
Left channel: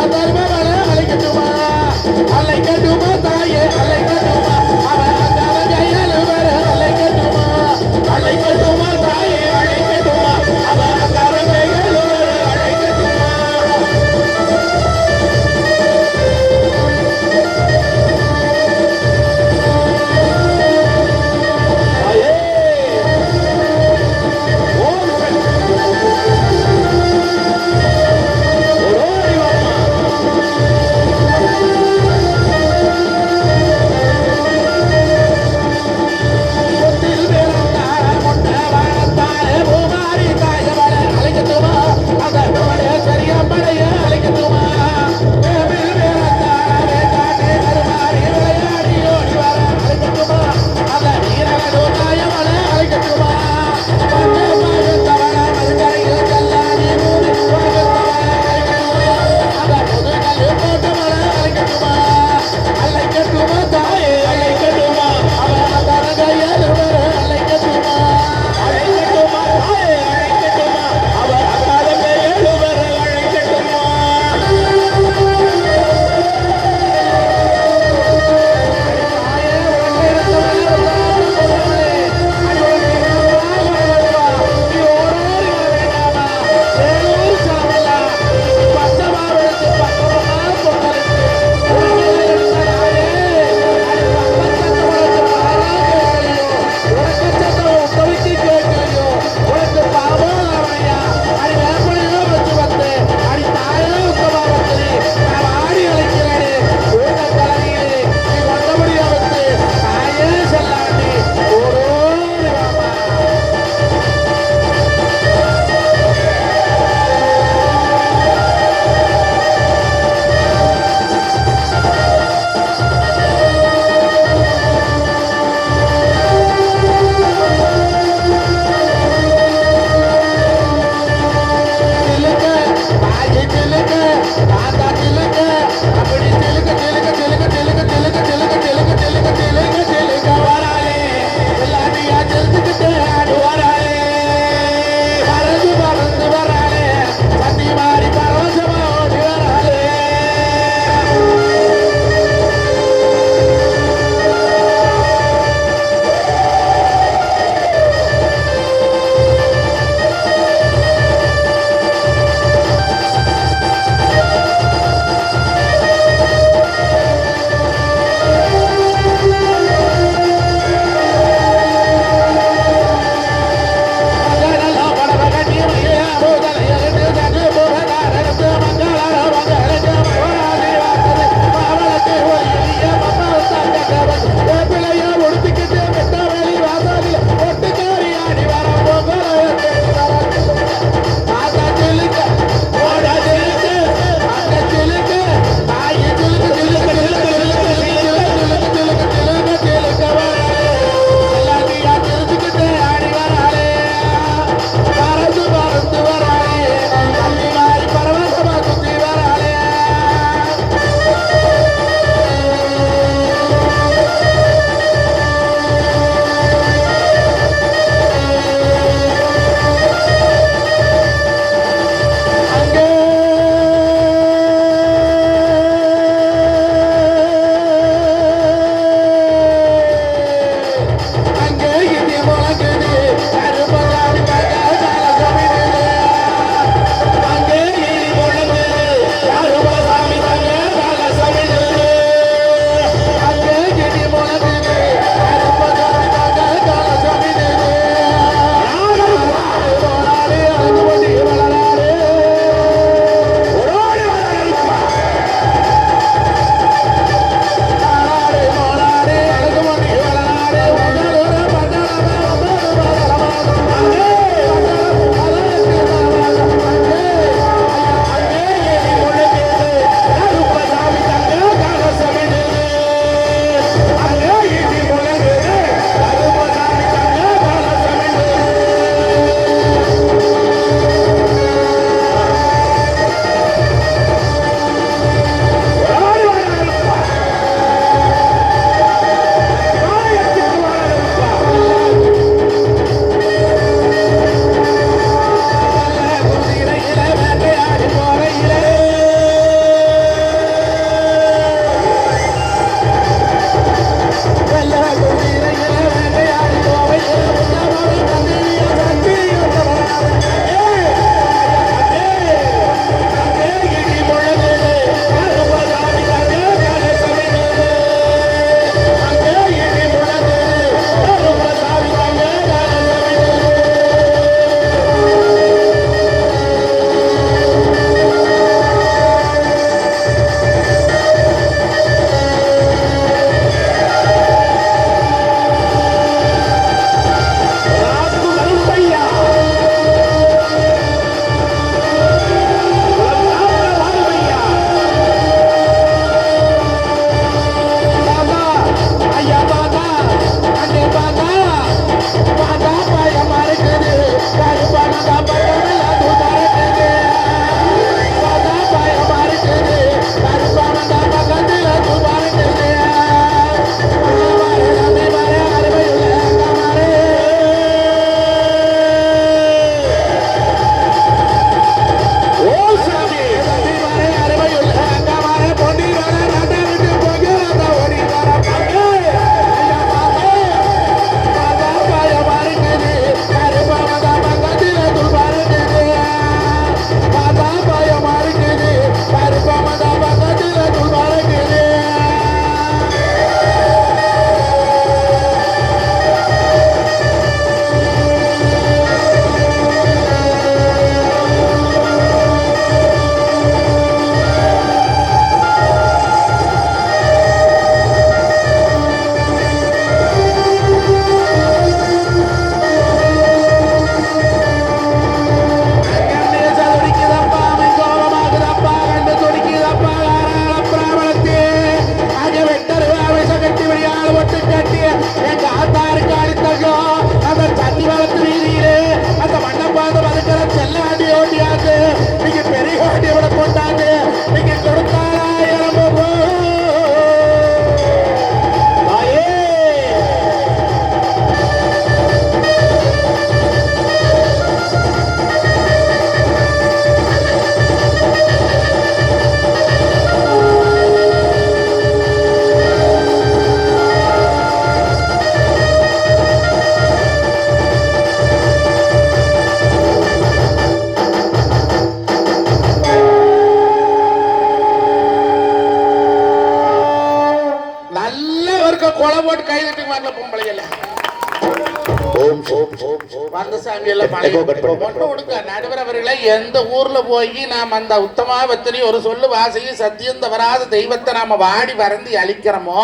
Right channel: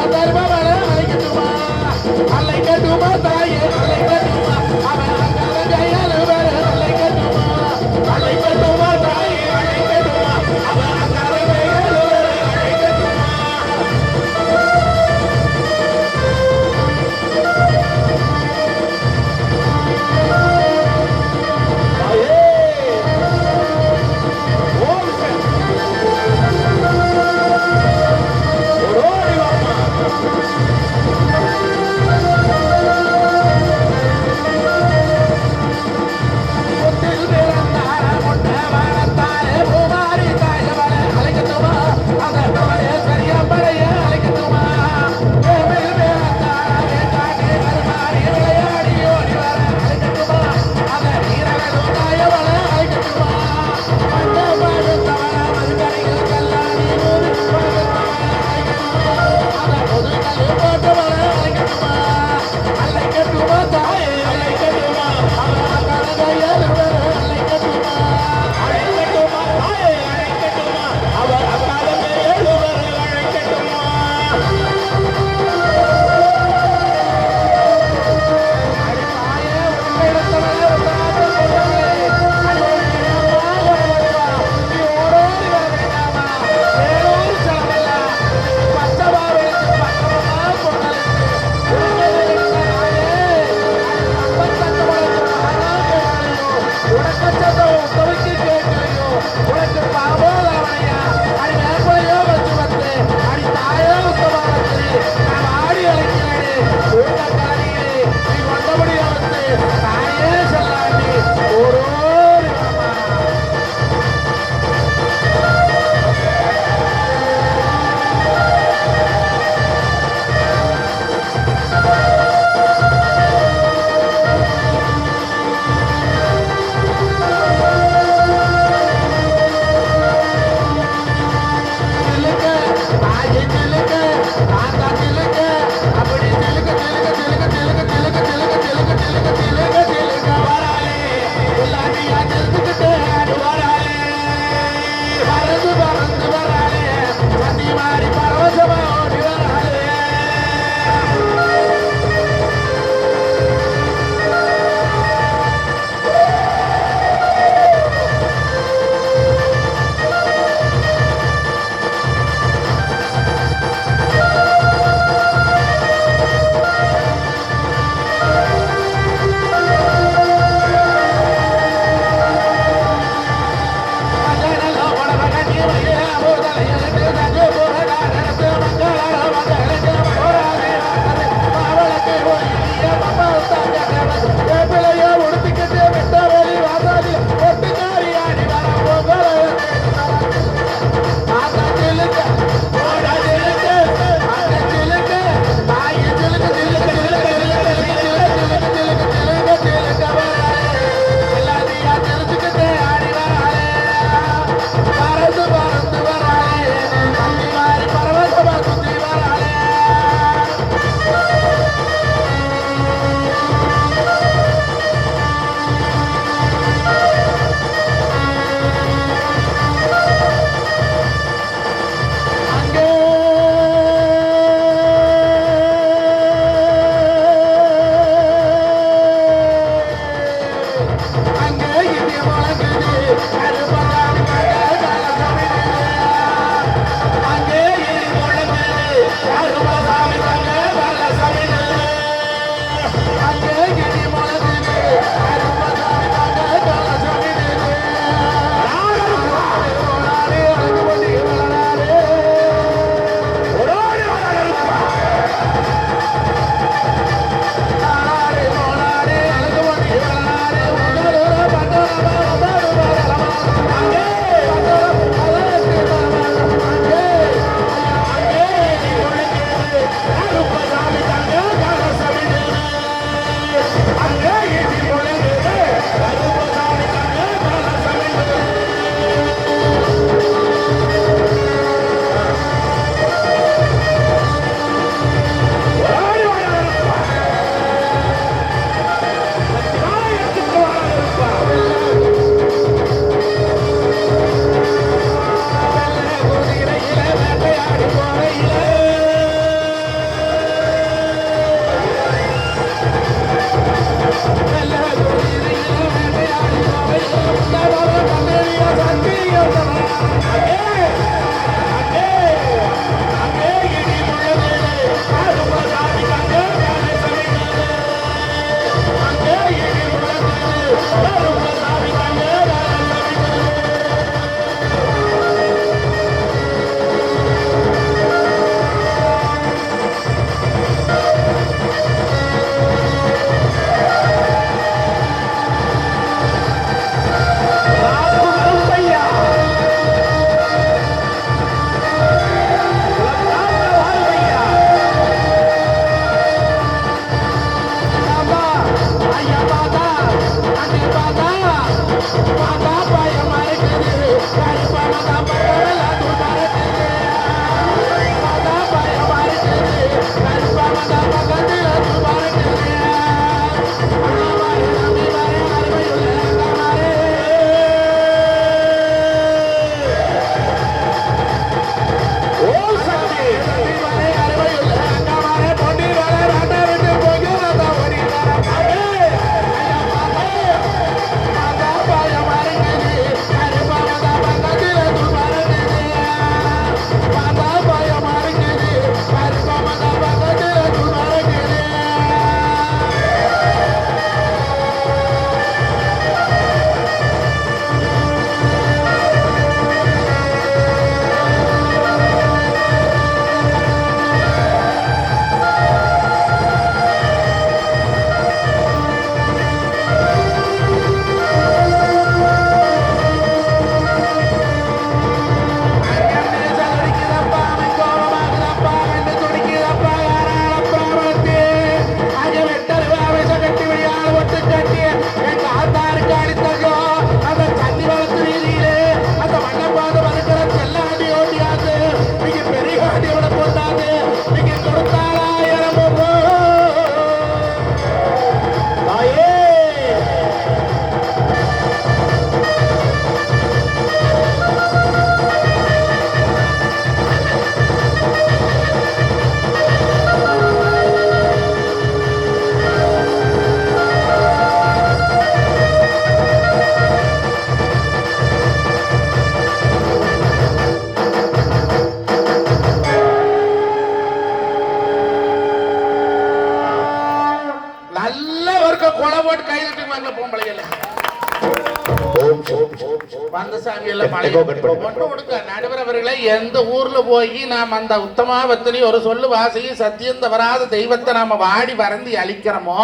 எக்கோ கட் பண்ணு. ஒண்ணு கொடுக்க நடுவர் அவர்களை எந்த ஊர்ல போய் நாம் அந்த உத்தமாவத்திரி ஒரு சொல்லு வாசகி சத்தியம் தவறாத தெய்வத்தை நாம வாடி வறந்தி அழிக்கிறோமோ,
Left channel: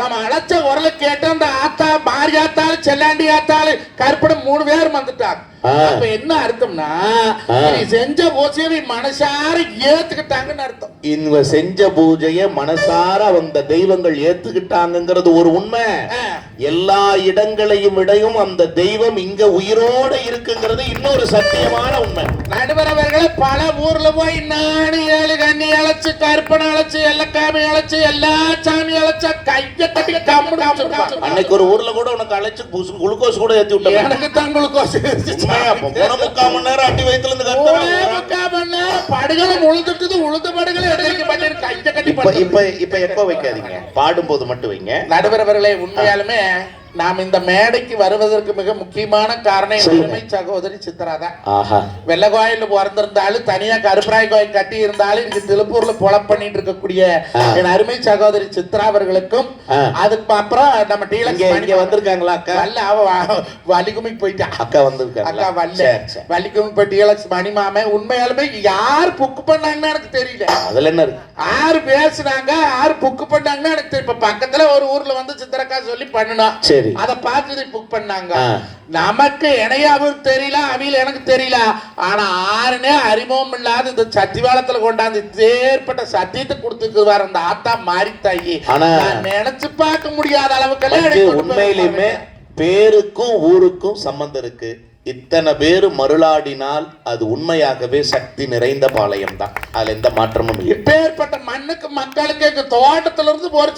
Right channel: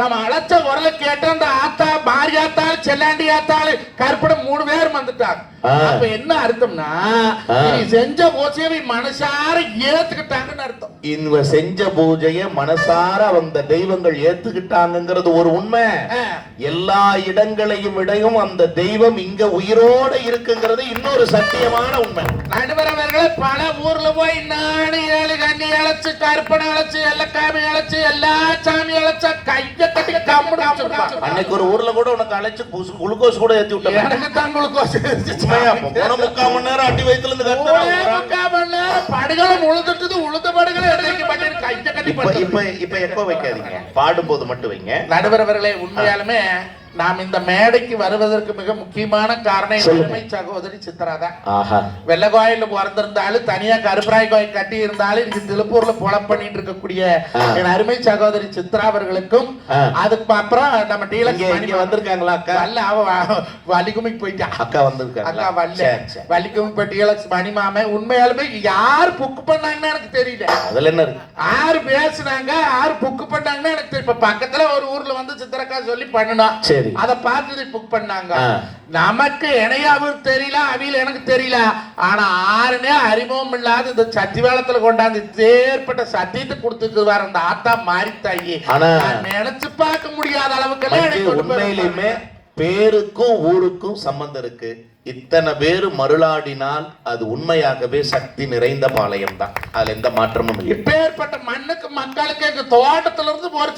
நம்ம அழைச்ச உரல கேட்டு அந்த ஆத்தா மாரியாத்தாள் செல்லாண்டி ஆத்தாள் கருப்படம் 3 பேர் வந்துட்டாங்க. அப்ப என்ன அர்த்தம்னா நீ செஞ்ச பூஜையை மனசார ஏத்துக்கிட்டாங்கன்னு அர்த்தம். இவங்க செஞ்ச பூஜைய மனசார அந்த தெய்வங்கள் ஏத்துக்கிட்டாங்கிறது ஒரு உண்மை. எல்லா இடங்களையும் இடையும் அந்த தெய்வம் இங்க உயிரோட இருக்குங்கிறது இன்னொரு சத்தியமான உண்மை. நடுவரவர்கள் பல ஊர்ல போய் 4 7 கண்ணி அழைச்சு கருப்பனை அழைச்சு எல்லக்காமி அழைச்சு எல்லா சாமி அழைச்சா கைய கட்டி கம்முன்னு வச்சிருப்பாங்க. அன்னைக்கு ஒரு ஊர்ல கூட உனக்கு அழைச்சு குளுக்கோஸ் கூட ஏத்தி விட்டாங்க. எனக்கு தான் குளுக்கோஸ் போன 3/4 மணி நேரம் அடி வயித்துல இருந்து 3/4 மணி நேரம் படுகளை உழுதுட்டது உழுத படுகளை எடுத்து பண்ணி கைய கட்டி இப்ப எப்போ வைக்காதீங்க, பாடும்போது மட்டும் வைங்க. நடுவரவர்களே உண்மையாலுமே நாம் இந்த மேடைக்கு வருவதற்கு மிக முக்கியமான காரணம் என் சகோதரி சித்ரா தான். வெள்ள கோயில பிறந்திருந்தாலும் தனியா கருப்பராய் கோயில் கட்டி இருந்தாலும் இங்க திருப்பூர்ல பொழப் பண்ணிட்டு இருக்கக்கூடிய என் அருமை சகோதரி சித்ரா அவர்களுக்கும், அதுக்கு அப்புறம் நம்ம டீலக்ஸ் வந்திருக்காங்களா அக்கா? அல்ல, அவ வலிக்குமிக்கு போயிட்டா. அக்கா வந்திருக்காங்க. அக்கா வரல, வலிக்குமிக்கு போய் டீலக்ஸ் மணிமாமே. உண்மையாலுமே யார் புக்கு பண்ணாங்கன்னு எனக்கு தெரியல. அதுல என்ன இருக்கு, யாரு பேசுனாங்க யாரு புக்கு பண்ணாங்கன்னு எனக்கு தெரியல. இப்ப பக்கத்துல ஒரு ஊர்ல வந்து சித்திரக்கா சொல்லி பண்ணணும், அத பார்த்து புக் பண்ணாங்க. நமக்கு இணையாவும் தெரியல, அவியில் எனக்கு தெரியல. ஆனா ஆறுனே அறிமுகம் இல்லாத இந்த சத்திவாளத்துல கொண்டாந்து ஏற்பட்ட சத்தியத்தை கொடுத்துக்கு வர அந்த ஆத்தா மாறித்தாயி நினைச்சு பார்க்க முடியாத அளவுக்கு உண்மையிலுமே பேருக்கும் ஊருக்கும் சம்பந்தம் இருக்கு. இத்தனை பேரு மருளாடினால் அது உண்மையாகவே சக்தி நிறைந்த பாளையம் தான். அதுல எந்த மாற்றமும் இல்லை. இப்பேற்பட்ட மண்ணுக்கு மக்களுக்கு தோட்டத்துல இருந்து ஒரு